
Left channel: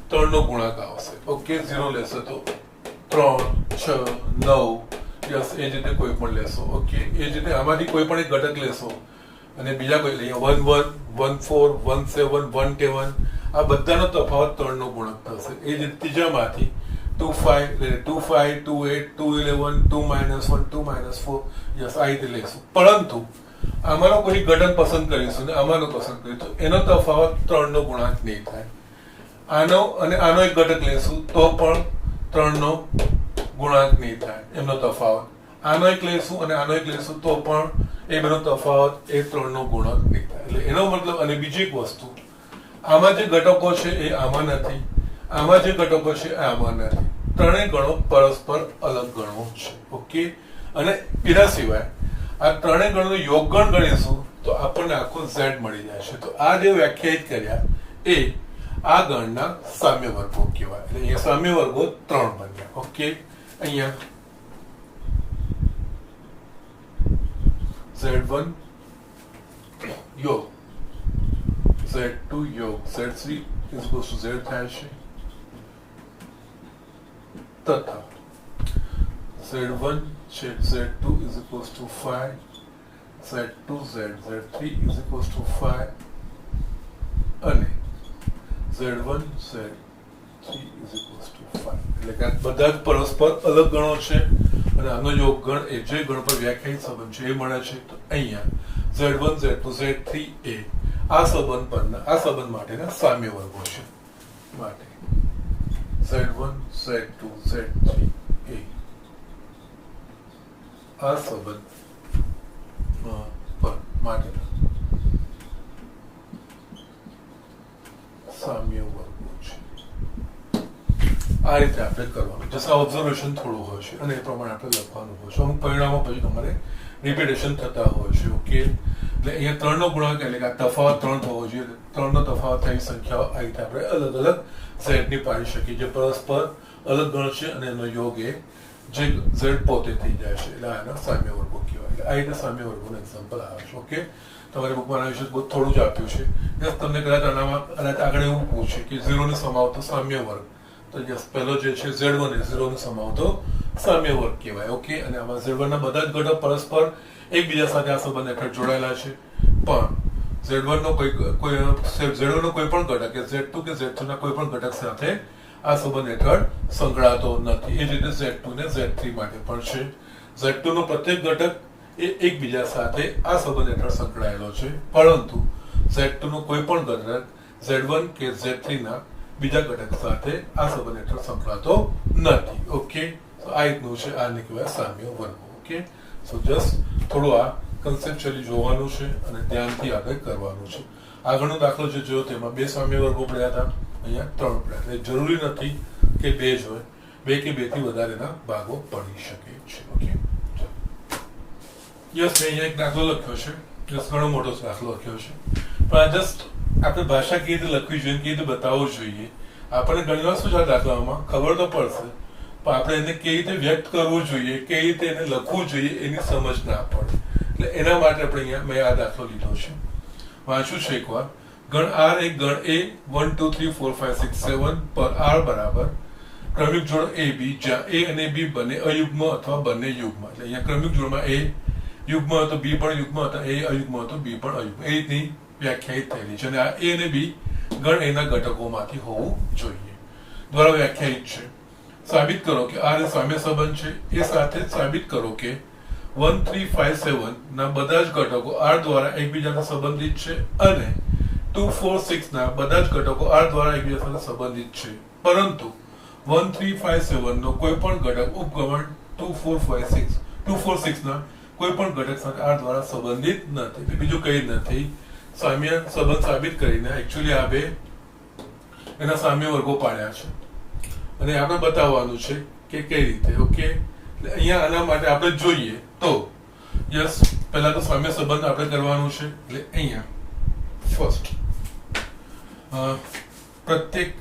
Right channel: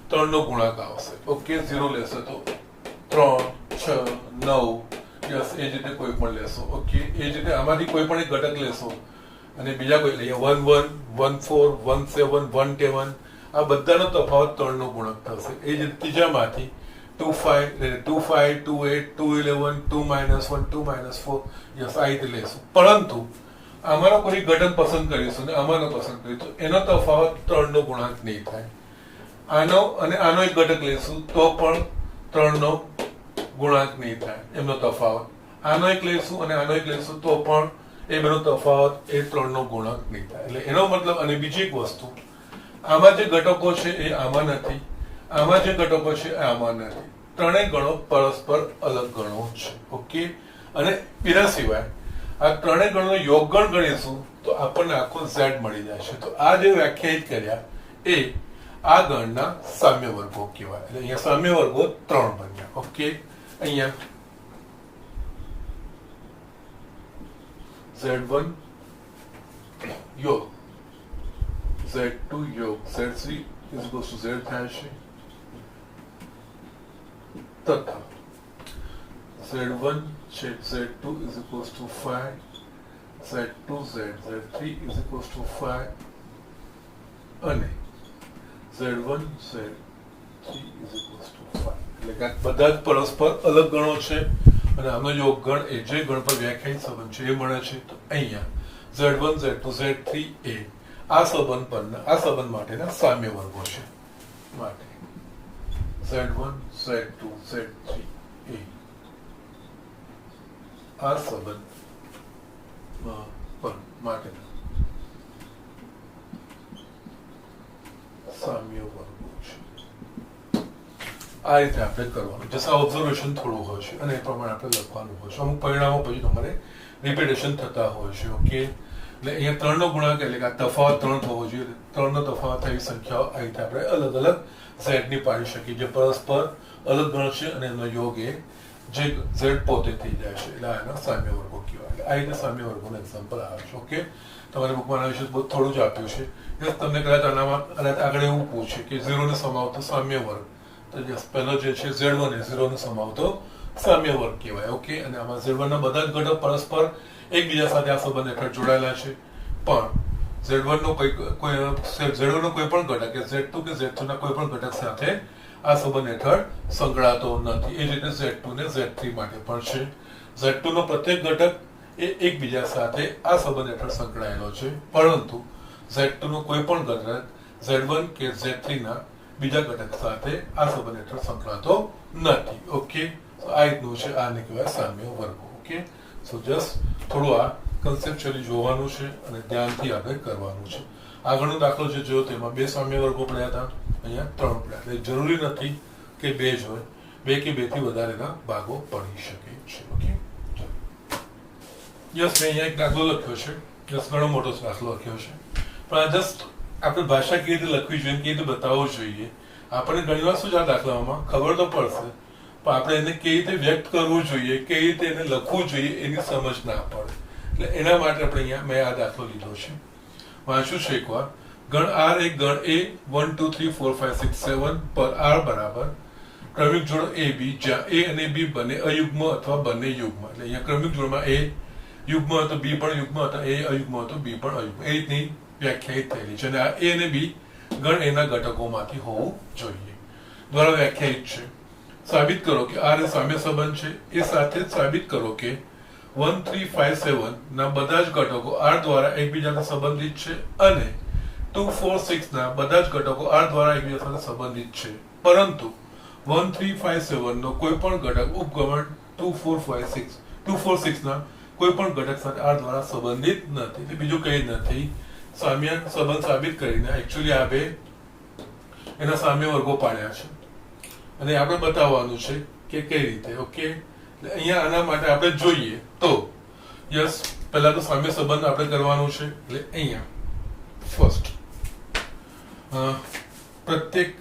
3 નો ગુણાક આવશે. ઓકે, 0 લેશો તો 3 6 9 યસ, એ જ રીતે કોઈ પણ લેશો. ઓકે, એ જ રીતે આમાંથી કોઈ પણ એક ઘટક લેશો અને બીજા કોઈ લઈએ 1 1 1 4 1 7 1 7 આ બધાનો તફાવત 3 નો ગુણક થશે. એ જ રીતે ત્રીજામાંથી 2 5 2 5 2 8 2 11 2 -1 2 -4 યસ, આ રીતે લેશું. પરંતુ આમાંનો કોઈ ઘટક પસંદ કરીશું ને આમાંનો પસંદ કરીશું એનો તફાવત 3 નો ગુણાંક નહીં થાય. આનો અને આનો એક ઘટક લેશું તો પણ 3 નો ગુણાંક નહીં થાય એમનો તફાવત. આનો એક લેશું અને આનો એક લેશું તો પણ એ બેનો તફાવત એ 3 નો ગુણાંક નહીં થાય. એટલે એનો મતલબ, અને બીજી એક વસ્તુ, આમાં જે ઘટકો છે એ આમાં નથી, આમાં જે ઘટકો છે એ આમાં નથી. ત્રણેય ગણો પરસ્પર અલગ ગણો છે. ઓકે, અને એના સિવાય આ ત્રણેય ગણનો યોગગણ ગણીશું તો આપણને આખો Z મળી જશે. તો આ જે વ્યાખ્યાયિત કર્યા એ આ ગણના સામ્ય વર્ગો કહેવાય. એટલે અહીંયા સામ્ય વર્ગો 3 બન્યા. ઓકે, અહીંયા Z1 યોગ Z2 યોગ Z3 is equals to Z થાય છે તથા Z1 છે Z2 is equals to 5 Z2 Z3 is equals to 5 અને Z1 Z3 is equals to 5 એટલે કે બધા જ પરસ્પર અલગ ગણો છે અને આનો યોગ ગણ એ જે ગણ પર વ્યાખ્યાયિત સંબંધ છે એ મળે છે તો અહીંયા Z1 Z2 Z3 એ આ સંબંધ પરના આ સંબંધ માટેના સામ્ય વર્ગો છે માટે Z1 Z2 Z3 એ આ સંબંધ પર માટેના સામ્ય વર્ગો છે આ રીતે આપણે કરવાનું જસ્ટ ઓબ્ઝર્વેશન થોડું હોય છે અને એ પ્રમાણે આપણે લખવાનું હોય છે અમુક પરિણામો પછી તમારે રિપીટેશન થતા હોય છે ઓકે એટલે અહીંયા 3 નો ગુણાકાર એટલે કે આ તફાવત 3 થવો જોઈએ 3 નો તફાવત થઈ સંખ્યાઓ આ રીતે આપણે અલગ અલગ સેટની પાડી શકીએ જે પરસ્પર અલગ ગણ છે અને એનો યોગ એ જે ઝેડ પોતે થઈ જાય છે એટલે આના સામ્ય વર્ગો કહેવાય એટલે આ રીતે સામ્ય વર્ગોનું એક્ઝામ્પલ આવે છે ઓકે તમારે બુકમાં આના વિશે બહુ થોડું જ આપ્યું છે જસ્ટ તમને કદાચ આનામાં આગળ એવું પૂછે કે 0 ને સમાવતો સામ્ય વર્ગ તો જસ્ટ પહેલો જે છે Z1 એ 0 ને સમાવતો સામ્ય વર્ગ કહેવાય ઓકે અને આમાં Z1 ના બધા જ ઘટક પરસ્પર એકબીજા સાથે આ સંબંધ હેઠળ જોડાયેલા છે પણ Z1 નો કોઈ Z1 નો કોઈ પણ ઘટક કે Z2 કે Z3 ના કોઈ પણ ઘટક સાથે આ સંબંધ હેઠળ સંકળાતો નથી એ જ રીતે Z2 ને Z3 માટે પણ છે Z2 નો પ્રત્યેક ઘટક એ એકબીજા સાથે આ સંબંધ હેઠળ સંકળાયેલો છે પરંતુ Z2 નો કોઈ પણ ઘટક Z1 કે Z3 ના બીજા ઘટક સાથે આ સંબંધ હેઠળ સંકળાતો નથી ઓકે આ રીતનું છે આને કહેવાય સામ્ય વર્ગો ઓકે સો જસ્ટ થોડું આ કન્સેપ્ચ્યુઅલી જોવાનું છે અને ધ્યાનથી આપણે કરવાનું છે આગળનો દાખલો જે જોયો તેમાં 2 સામ્ય વર્ગો પડ્યા હતા અહીંયા 3 પડ્યા એટલે જરૂરી નથી કે 2 જ હોય 2 કે 2 થી વધારેના ભાગો પડી શકે છે ઓકે યસ મેં અહીંયા એક દાખલો લખ્યો છે યસ ઘણો મોટો દાખલો લખ્યો છે પણ આ જસ્ટ આપણે ભાષા કેવી રીતે લખવી જોઈએ કેવી રીતે બતાવવું જોઈએ આપણને ઘણી વાર શું છે આ દાખલામાં ખબર તો પડશે પણ આપણે એને કેવી રીતે વ્યક્ત કરવું જોઈએ કેવી રીતે એને લખવું જોઈએ એની સમજ ના પડે એટલે એના માટે આપણે અહીંયા મેં આ દાખલો લીધો છે વાંચું છું એકવાર ગણ R એક ગણ A 1 2 3 4 5 6 7 પર R બરાબર ક્રમિક જોડ AB જ્યાં A અને B બંને અયુગ્મ અથવા બંને યુગ્મ એટલે અહીંયા ક્રમિક જોડમાં A યુગ્મ હતો B પણ યુગ્મ હતા A અયુગ્મ હતો B પણ અયુગ્મ એ રીતની વ્યાખ્યાયિત થયેલી છે અને આ A અને B ગણ એના ઘટકોમાંથી હોવું જોઈએ દ્વારા વ્યાખ્યાયિત છે સાબિત કરો કે R એ સામ્ય સંબંધ છે એ સાથે સાબિત કરો કે 1 3 5 7 ના બધા જ ઘટકો R દ્વારા એકબીજાને સંબંધિત છે અને 2 4 6 ના બધા જ ઘટકો R દ્વારા એકબીજા સાથે સંબંધિત છે પરંતુ 1 3 5 7 નો કોઈ પણ ઘટક ઉપગમન 2 4 5 6 2 4 6 ના કોઈ પણ ઘટક સાથે R દ્વારા સંબંધિત નથી એટલે બીજું કંઈ નથી સામ્ય સંબંધ સાબિત કરીને એકચ્યુઅલી આ બે એના સામ્ય વર્ગો પાડ્યા છે અને આપણે બતાવવાનું છે કે કઈ રીતે ઓકે એટલે અહીંયા આના માટે આપણે જોઈએ તો યસ પહેલા તો સામ્ય સંબંધ આપણે કરવાનું છે એટલે અહીંયા ફર્સ્ટ પ્રત્યેક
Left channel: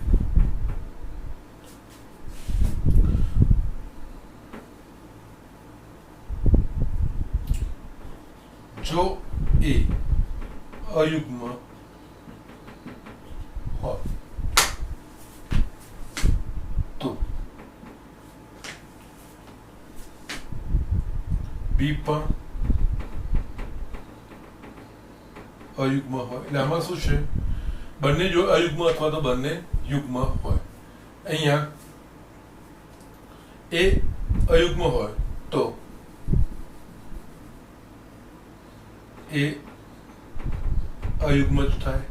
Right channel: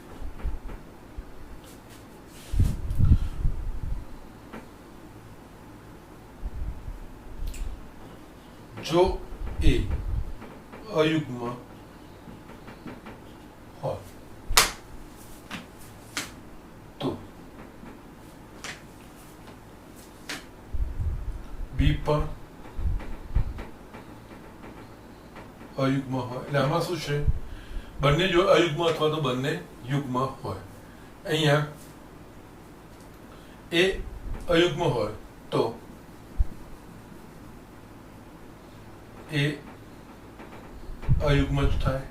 જો A અયુગ્મ હોય તો B પણ અયુગ્મ હોય એટલે આમાં શું છે બંને જો અયુગ્મ અથવા તો બંને યુગ્મ હોય અહીંયા A અયુગ્મ હોય તો A અયુગ્મ જ થાય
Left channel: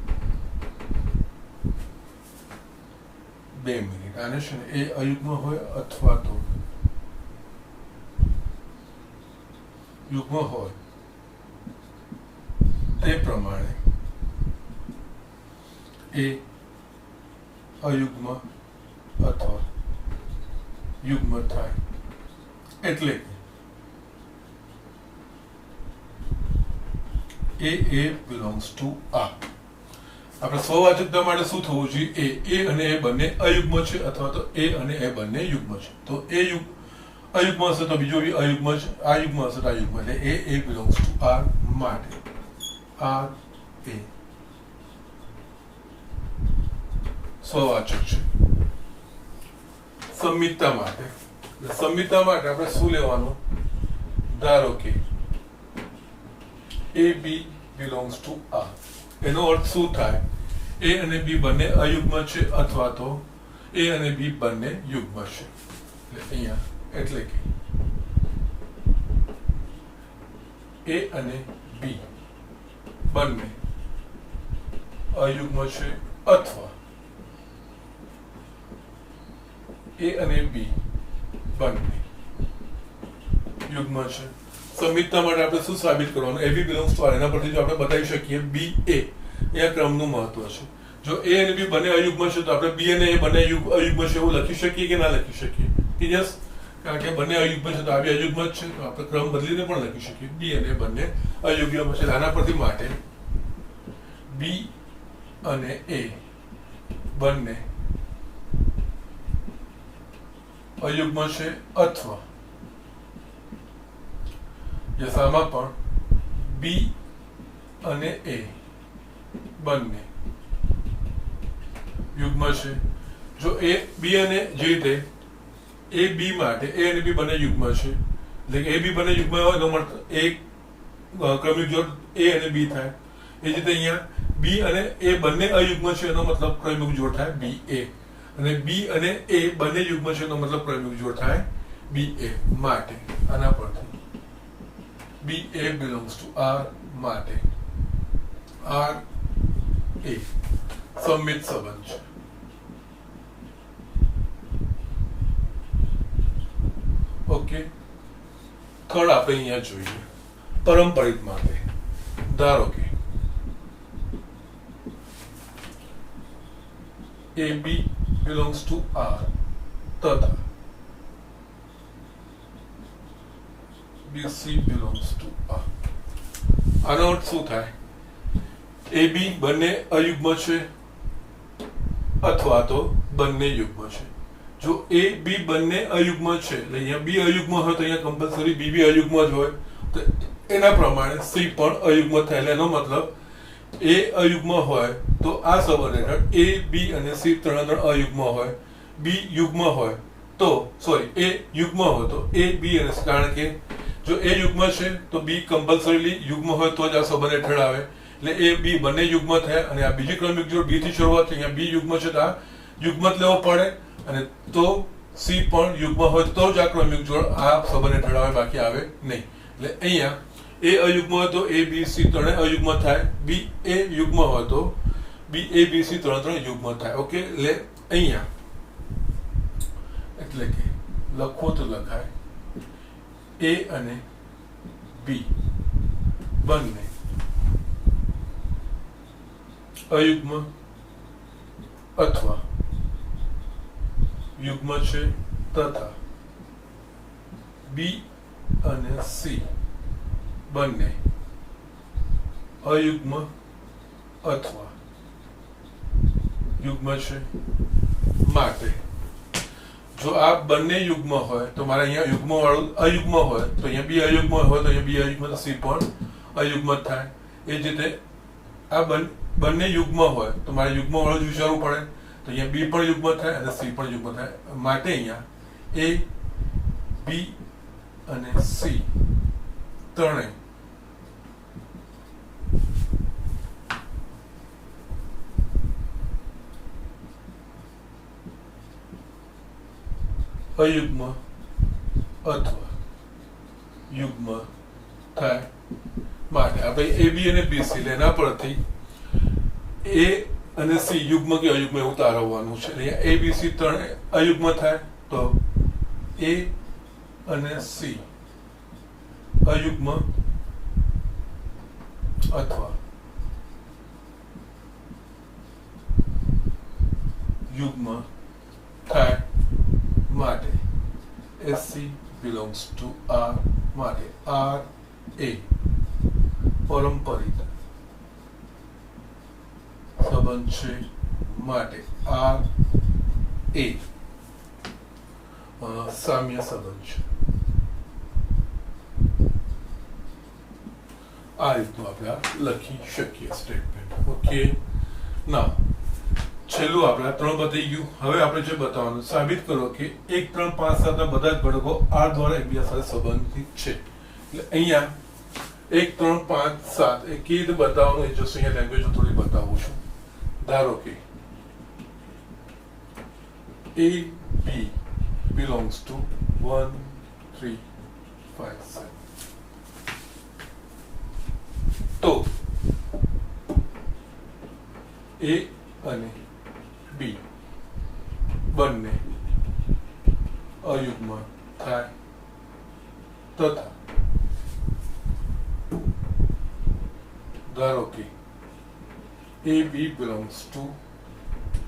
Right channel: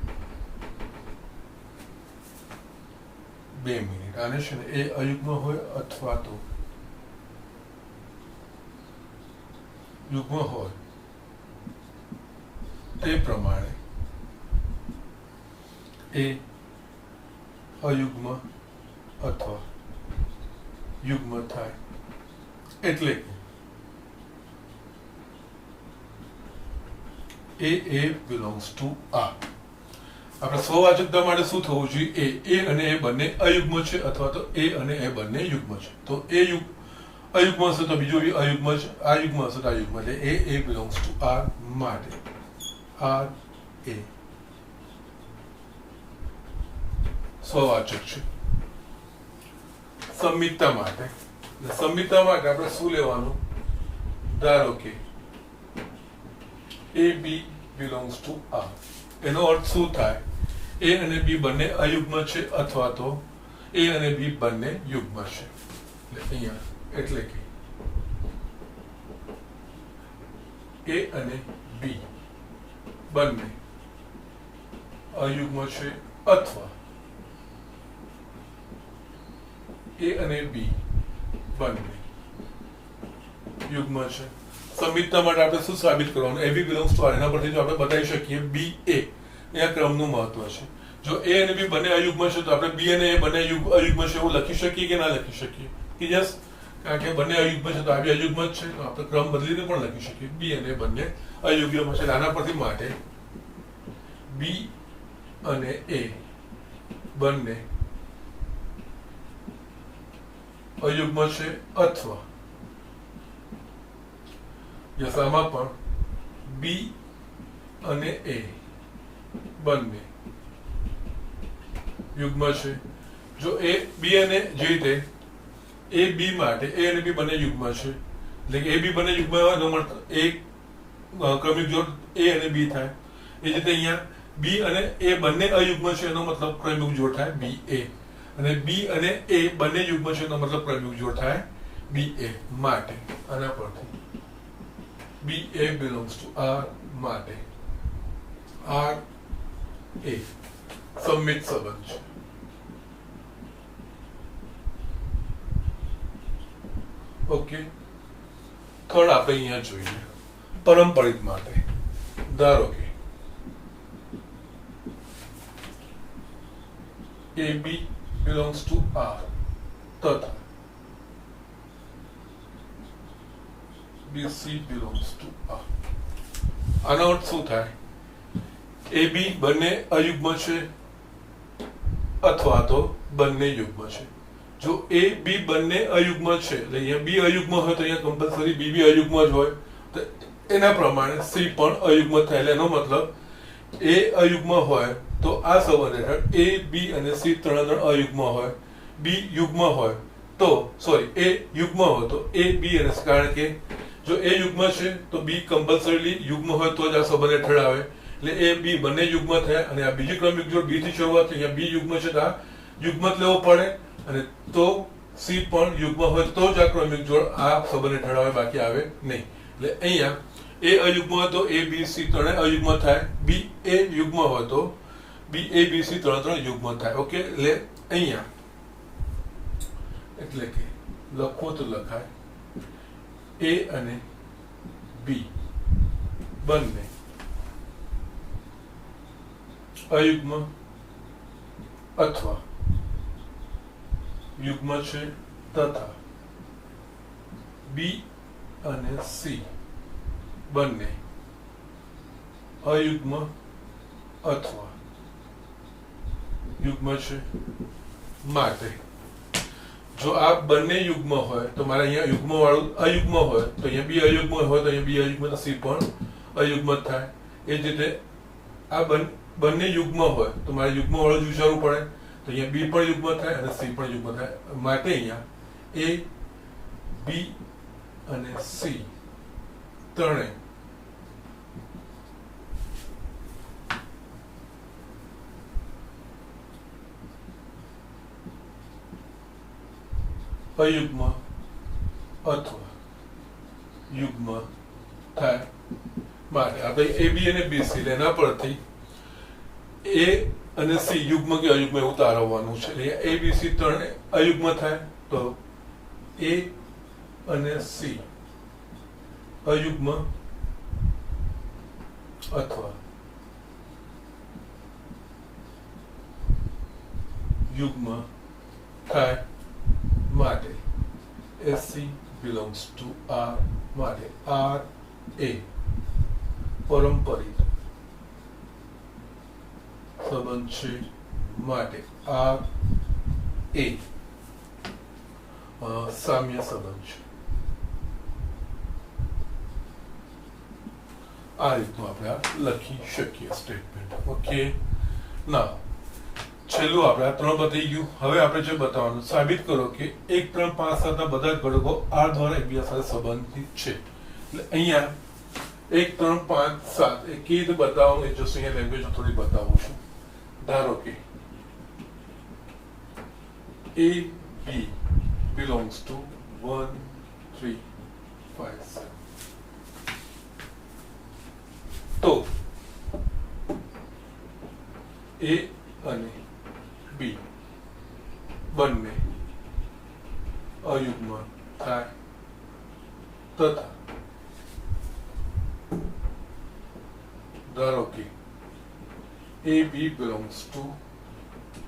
2 મિનિટ આને છે ને એ અયુગ્મ હોય અથવા તો યુગ્મ હોય તે પ્રમાણે એ અયુગ્મ અથવા યુગ્મ થાય એટલે કે A belongs to R આપણે સ્વવાચકતા માટે શું થવું જોઈએ A અને A બંને અયુગ્મ છે અથવા તો A અને A બંને યુગ્મ છે તો A અયુગ્મ હશે તો બીજું અયુગ્મ છે આ યુગ્મ હશે તો આ યુગ્મ એટલે A belongs to R માટે R A સ્વવાચક છે. સંમિતતા માટે આપણે શું લેવાનું? ધારો કે એ બી બિલોંગ્સ ટુ આર. એનો અર્થ શું થાય? એ અને બી બંને અયુગ્મ છે અથવા તો એ અને બી બંને યુગ્મ છે. અહીંયા એટલે કે એ અને બી બંને અયુગ્મ છે અથવા એ અને બી બંને યુગ્મ છે. સંમિતતા માટે આપણે શું સાબિત કરવાનું? એ બી બિલોંગ્સ ટુ આર. એના પરથી જો આપણે બતાવી શકીએ બી એ, અહીંયા ક્રમનું મહત્વ છે. જો એ અને બી બંને અયુગ્મ છે તો આપણે બી અને એ બંને અયુગ્મ છે એવું લખી શકીએ કે ના લખી શકીએ? યસ, કારણ કે બંને અયુગ્મ છે તો આ બી અયુગ્મ જ છે, તો આપણે ક્રમ બદલીને પણ લખી શકીએ બી અને એ બંને અયુગ્મ છે. આના પરથી માટે બી અને એ બંને અયુગ્મ છે અથવા આમાં પણ બી અને એ બંને યુગ્મ છે. જો એ બી અને જે રીતે એ બી માટે એ અને બી બંને યુગ્મ છે, એટલે કે એ બી બંને યુગ્મ હોય તો મતલબ એક ક્રમિક જોડ એ અને બી થાય. એ જ રીતે અહીંયા બી અને એ બંને અયુગ્મ છે એનો મતલબ ક્રમિક જોડ થાય બી એ, અને બી અને એ બંને યુગ્મ છે એનો મતલબ ક્રમિક જોડ થાય બી એ. માટે આના પરથી બી એ બિલોંગ્સ ટુ આર માટે આર એ સંમિત સંબંધ છે. ઓકે, થર્ડ આપણે અહીંયા જોઈએ પરંપરિત માટે. ધારો કે એ બી બિલોંગ્સ ટુ આર તથા BC belongs to R. આનો અર્થ શું થાય? એ બી બંને અયુગ્મ છે અથવા તો બંને યુગ્મ છે. જો એ બી બંને અયુગ્મ છે, એટલે અહીંયા બી અયુગ્મ હોય તો અહીંયા કમ્પલસરી બી બી અયુગ્મ જ હોય, તો એના પ્રમાણે સી પણ અયુગ્મ થાય. એટલે એનો મતલબ એ અયુગ્મ હોય તો આ સંબંધ હેઠળ એ બી અને સી ત્રણ અયુગ્મ હોય. બી યુગ્મ હોય તો એ યુગ્મ હોય તો એ બી અને કારણ કે જો એ યુગ્મ છે તો બી કમ્પલસરીલી યુગ્મ હોય તો જ આ સંબંધ હેઠળ આવે. એટલે એ બી બંને યુગ્મ થાય અને આ બીજી ક્રમિક જોડ બી થી શરૂઆત અહીંયા બી યુગ્મ છે તો આ યુગ્મ જ લેવો પડે, અને તો સી પણ યુગ્મ હોય તો જ આ ક્રમિક જોડ આ સંબંધ હેઠળ આવે, બાકી આવે નહીં. એટલે અહીંયા એ અયુગ્મ હોય તો એ બી સી ત્રણે અયુગ્મ થાય, બી એ યુગ્મ હોય તો બી એ બી સી ત્રણ યુગ્મ થાય. ઓકે, એટલે અહીંયા એટલે કે લખો તો લખાય એ અને બી બંને અયુગ્મ અથવા યુગ્મ છે તથા બી અને સી બંને અયુગ્મ અથવા યુગ્મ છે. માટે જો આ બંને યુગ્મ હોય તો મારે અહીંયા યુગ્મ વાળું અયુગ્મ હોય તો અહીંયા બી અયુગ્મ હોય તો અહીંયા બી અયુગ્મ તો સી પણ અયુગ્મ થાય. એ જ રીતે આ બંને યુગ્મ હોય તો મારે યુગ્મ વાળું જ વિચારવું પડે, તો અહીંયા બી પણ યુગ્મ થાય અને સી પણ યુગ્મ થાય. માટે અહીંયા એ બી અને સી ત્રણેય અયુગ્મ અથવા યુગ્મ થાય. માટે આપણે એ બી અને બી સી એના પરથી એ અને સી યુગ્મ કે અયુગ્મ એવું તારવવાનું છે. એ બી સી ત્રણ અયુગ્મ થાય તો એ અને સી અયુગ્મ અથવા યુગ્મ થાય. માટે SC belongs to R. માટે R એ પરંપરિત સંબંધ છે. માટે R એ સામ્ય સંબંધ છે. આ રીતનું આપણે લખી શકીએ સ્ટેટમેન્ટ. ઓકે, ના છેલ્લું આપણે આ 3 બતાવી ગયું. હવે આપણે જે બતાવવાનું સાબિત કરો કે 1 3 5 7 ના બધા જ ઘટકો R દ્વારા એકબીજા સાથે સંબંધિત છે. એટલે અહીંયા 1 3 5 7 એ કેવી રીતે બતાવવાનું એ જોશું. અહીંયા લેંગ્વેજ થોડી બતાવું છું. ધારો કે A B belongs to 1 3 5 7. તો A અને B બંને અયુગ્મ થાય તથા ધારો કે AB belongs to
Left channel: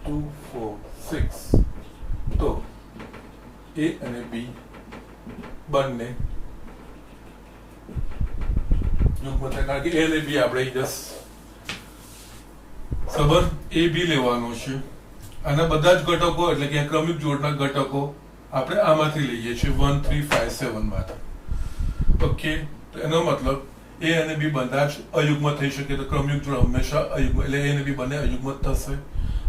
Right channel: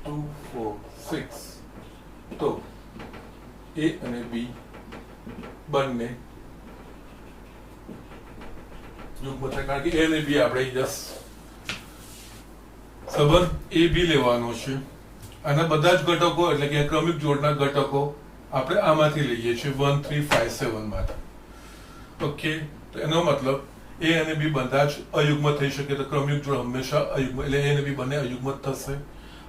2 4 6. તો A અને B બંને યુગ્મ થાય, કારણ કે A અને B આપણે સંબંધ A B લેવાનો છે. આના બધા જ ઘટકો એટલે કે ક્રમિક જોડના ઘટકો આપણે આમાંથી લઈએ છીએ 1 3 5 7 માંથી. ઓકે, એનો મતલબ A અને B બધા જ અયુગ્મ થઈ શકે. તો ક્રમિક જોડ હંમેશા અયુગ્મ, એટલે A અને B બંને અયુગ્મ થશે.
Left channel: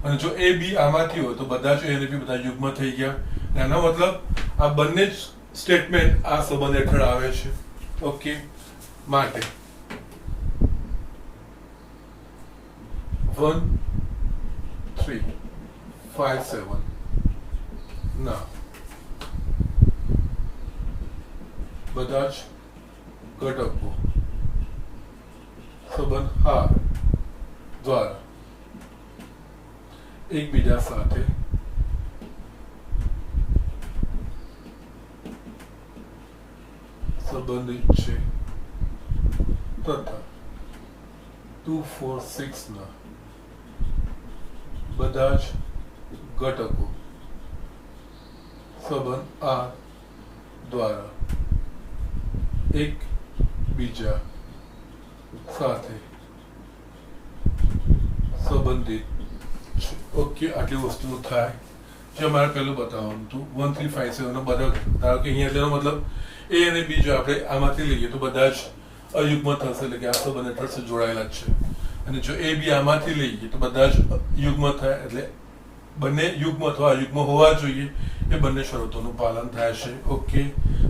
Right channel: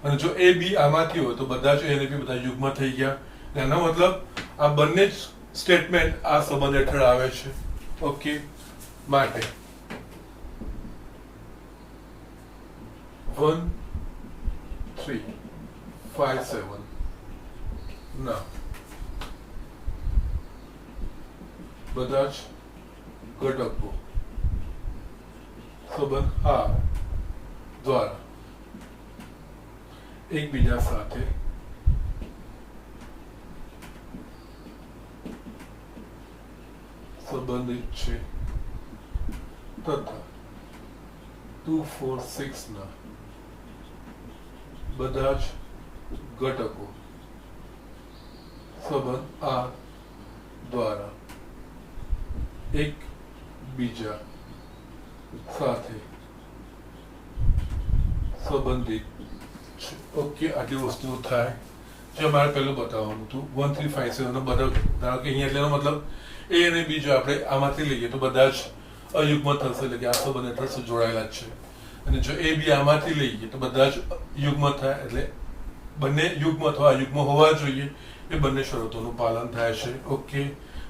અને જો A B આમાંથી હોય તો બધા જ A અને B બધા યુગ્મ થઈ ગયા. એનો મતલબ આ બંને જ સ્ટેટમેન્ટ આ સંબંધ હેઠળ આવે છે. ઓકે, માટે 1 3 5 7 ના બધા જ ઘટકો સંબંધ R દ્વારા એકબીજા સાથે સંબંધિત છે તથા 2 4 6 ના બધા જ ઘટકો સંબંધ R દ્વારા એકબીજા સાથે સંબંધિત. ઓકે, આટલી વસ્તુઓ થાય. જે મારે પહેલું બતાવવાનું હતું 1 3 5 7 નો બધા, ધારો કે અહીંયા એટલે મતલબ A અને B જો આપણે આમાંથી લઈએ તો બધા જ અયુગ્મ થશે, એટલે કે આ સંબંધ હેઠળ જોડાયેલા જ છે. અને જો A B આમાંથી લઈએ તો બધા જ યુગ્મ થાય, એટલે બંને યુગ્મ અથવા અયુગ્મ હોવા જોઈએ. એ બંને શરતોનું પાલન થાય છે. ઓકે,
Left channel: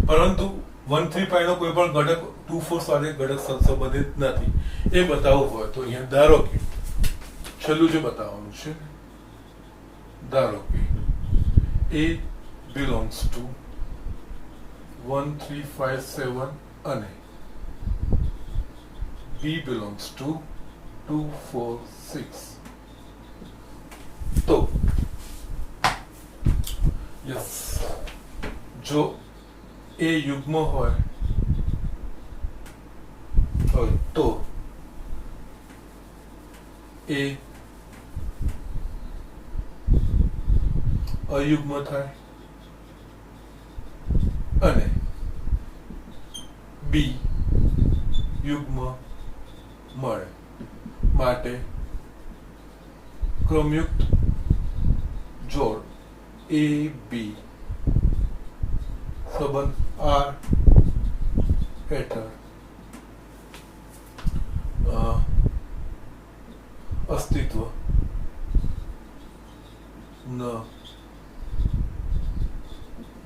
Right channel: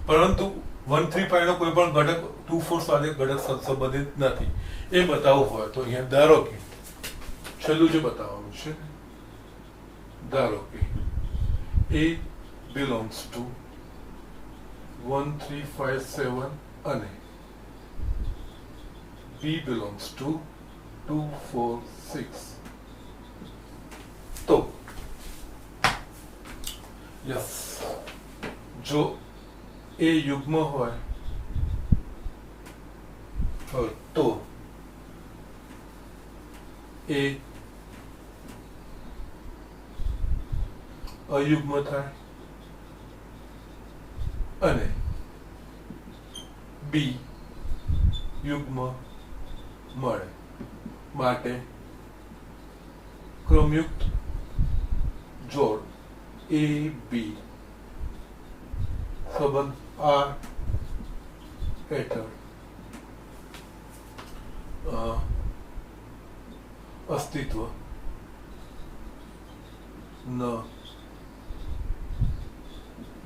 પરંતુ 1 3 5 નો કોઈ પણ ઘટક 2 4 સાથે ઘટક સંબંધિત નથી એ બતાવવું હોય તો અહીંયા ધારો કે છેલ્લું જે બતાવવાનું છે, ધારો કે A belongs to 1 3 5 7 અને B belongs to 2 4 6. તો યસ, જો A યુગ્મ હોય તો A અયુગ્મ થાય અને B યુગ્મ મળે. માટે ક્રમયુક્ત જોડ A B સંબંધ R હેઠળ અસ્તિત્વ ન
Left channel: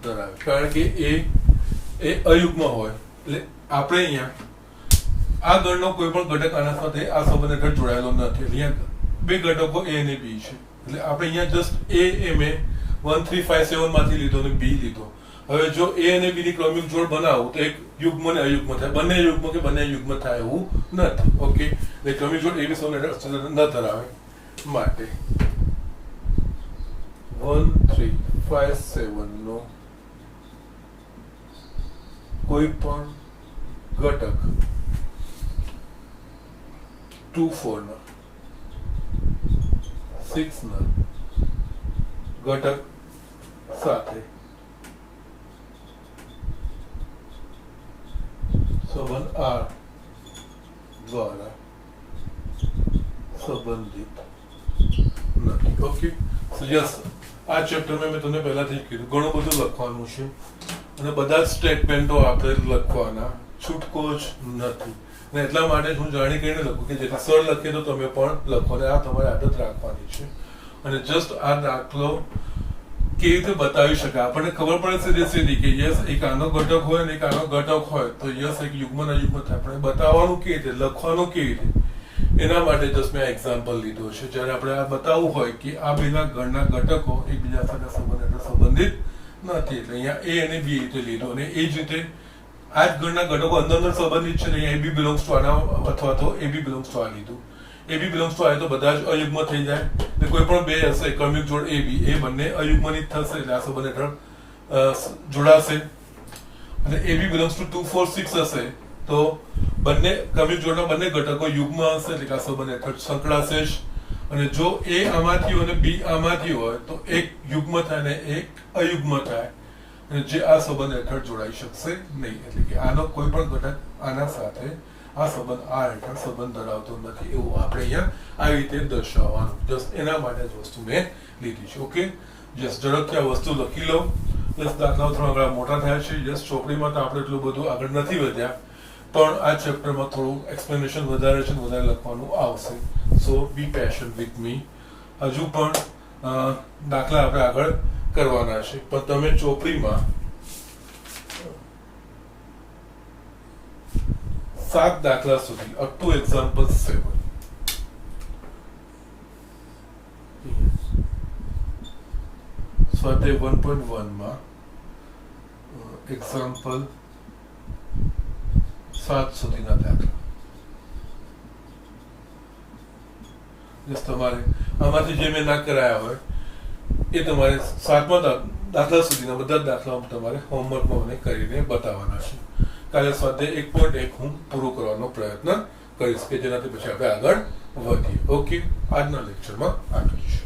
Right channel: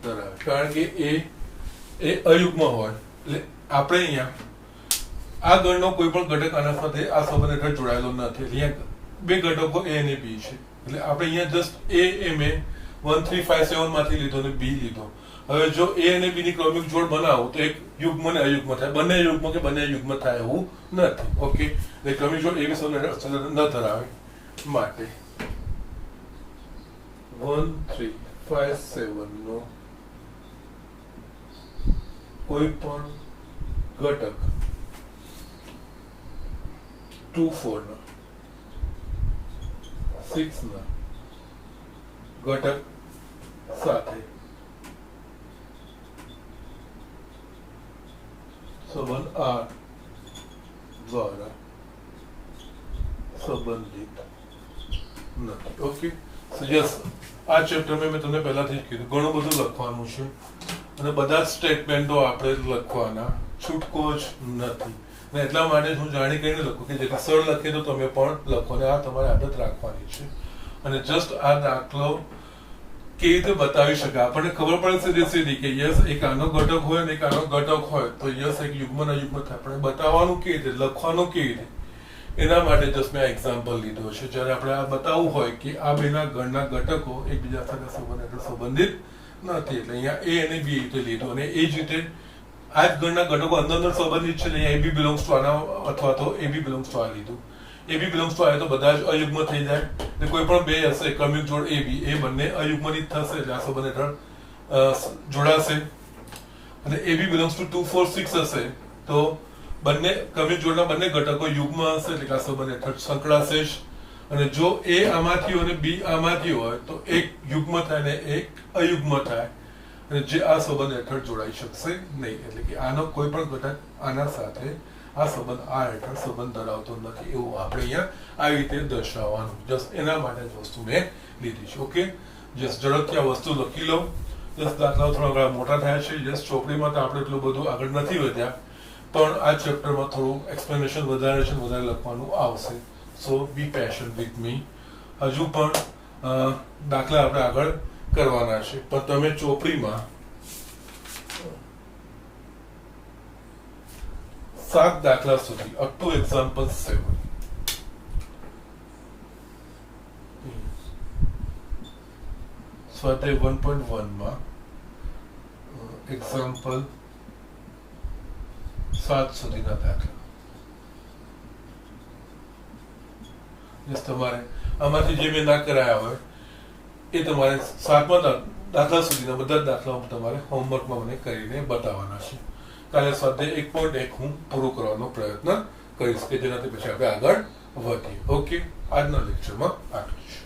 ધરાવે. કારણ કે એ અયુગ્મ હોય એટલે આપણે અહીંયા આ ગણનો કોઈ પણ ઘટક આના સાથે આ સંબંધ હેઠળ જોડાયેલો નથી. અહીંયા બે ઘટકો A અને B છે, એટલે આપણે અહીંયા જસ્ટ A મેં 1 3 5 7 માંથી લીધો અને B લીધો. હવે જો A અને B ની ક્રમિક જોડ બનાવો તો એક યુગ્મ અને અયુગ્મ થાય. બંને યુગ્મ કે બંને યુગ્મ થાય એવું નથી. ઓકે, એટલે ક્રમિક જોડ એવી સંબંધ ન ધરાવે. માટે 1 3 5 7 નો કોઈ પણ ઘટક 2 4 ના 6 ના ઘટક સાથે સંબંધ R દ્વારા સંબંધિત નથી. ઓકે, સો યસ, આ ચેપ્ટરમાં મેં તમને પહેલાથી જ કીધું ઘણું બધું લખવાનું છે અને બધા જ સ્ટેટમેન્ટો આપણે લખવાના, છૂટકો જ નથી. અને એટલા માટે હું જાણી કરીને લખું કે જેટલા સરળ લખીએ તો તમે પણ લખો, અને આ તમારે આદત રાખવાની છે. અને જસ્ટ આ દાખલો કેવી રીતે બતાવી શકે આપણને ખબર પડે સીધી સીધી કે યસ એક આનો ઘટક હોય ને એક આનો ઘટક હોય તો યસ એક યુગ્મ અયુગ્મ થાય. આપણે બતાવવાનું કેવી રીતે, લખવાનું કેવી રીતે, એના માટે જસ્ટ મેં એક્ઝામ્પલ લીધો છે. જ્યારે આપણે આ બતાવવું હોય કે આ બેના ગણના ઘટકો એકબીજા સાથે સંબંધિત નથી, એટલે અહીંયા એ અને બી રીતે લીધો, અને એ જ રીતે આ જ ગણના ઘટકો અંદર સંબંધિત છે. અહીંયા એ બી બિલોંગ્સ ટુ આના અથવા તો એ બી બિલોંગ્સ ટુ આ લીધું. એ બી બિલોંગ્સ ટુ આ તો બધા જ અયુગ્મ થઈ જાય. કોઈ પણ બે હશે ક્રમિક જોડ એ બી, એ બંને અયુગ્મની જ થશે, એટલે આ સંબંધ હેઠળ જોડાશે. અને એ બી બિલોંગ્સ ટુ 2 4 6 હશે તો બંને ક્રમિક જોડના બંને ઘટકો યુગ્મ હશે, એટલે આ સંબંધ હેઠળ સંકળાશે જ. અને જો એ આમાંથી હોય અને બી આમાંથી હોય તો એક યુગ્મ થાય ને એક અયુગ્મ થાય, અને જે આ સંબંધ હેઠળ જોડાઈ શકશે નહીં. એટલે કે આનો કોઈ પણ ઘટક આના સાથે આ સંબંધ આ હેઠળ સંબંધ ધરાવતો નથી, એવું આપણે અહીંયા આવી રીતે દર્શાવવાનું. જસ્ટ એના માટે જ વસ્તુ મેં લીધી છે. ઓકે, જસ્ટ ઝડપથી આ વસ્તુ લખી લો. જસ્ટ દાખલાઓ થોડા મોટા થયા છે. જસ્ટ ચોપડીમાં તો આપણે એટલું બધું આગળ નથી વધ્યા, પણ આ ચેપ્ટરમાં થોડું એક્સપ્લેનેશન વધારે છે, વધારે લખવાનું આવશે. સો બી પેશન્ટ વિથ મી. હજુ પણ દાખલા આપણે આગળ કરવાના છે, પણ તમે ચોપડીમાં 7 દાખલા સુધી અપ ટુ એક્ઝામ્પલ 7 સ્વાધ્યાય 1.1 માં એક્ઝામ્પલ 7 સુધીના દાખલા. તમારે આમાંથી જે મેં ના કરાયા હોય એ તમારે 7મા દાખલા સુધીના બધા જ દાખલાઓ તમારે હોમવર્કમાં મને કરીને બતાવવાના છે. કાલે સ્વાધ્યાય 1.1 હું પૂરું કરવાનો પ્રયત્ન કરીશ કે જેનાથી પછી આપણે આગળ વધીએ. ઓકે, આજના લેક્ચરમાં આટલું જ.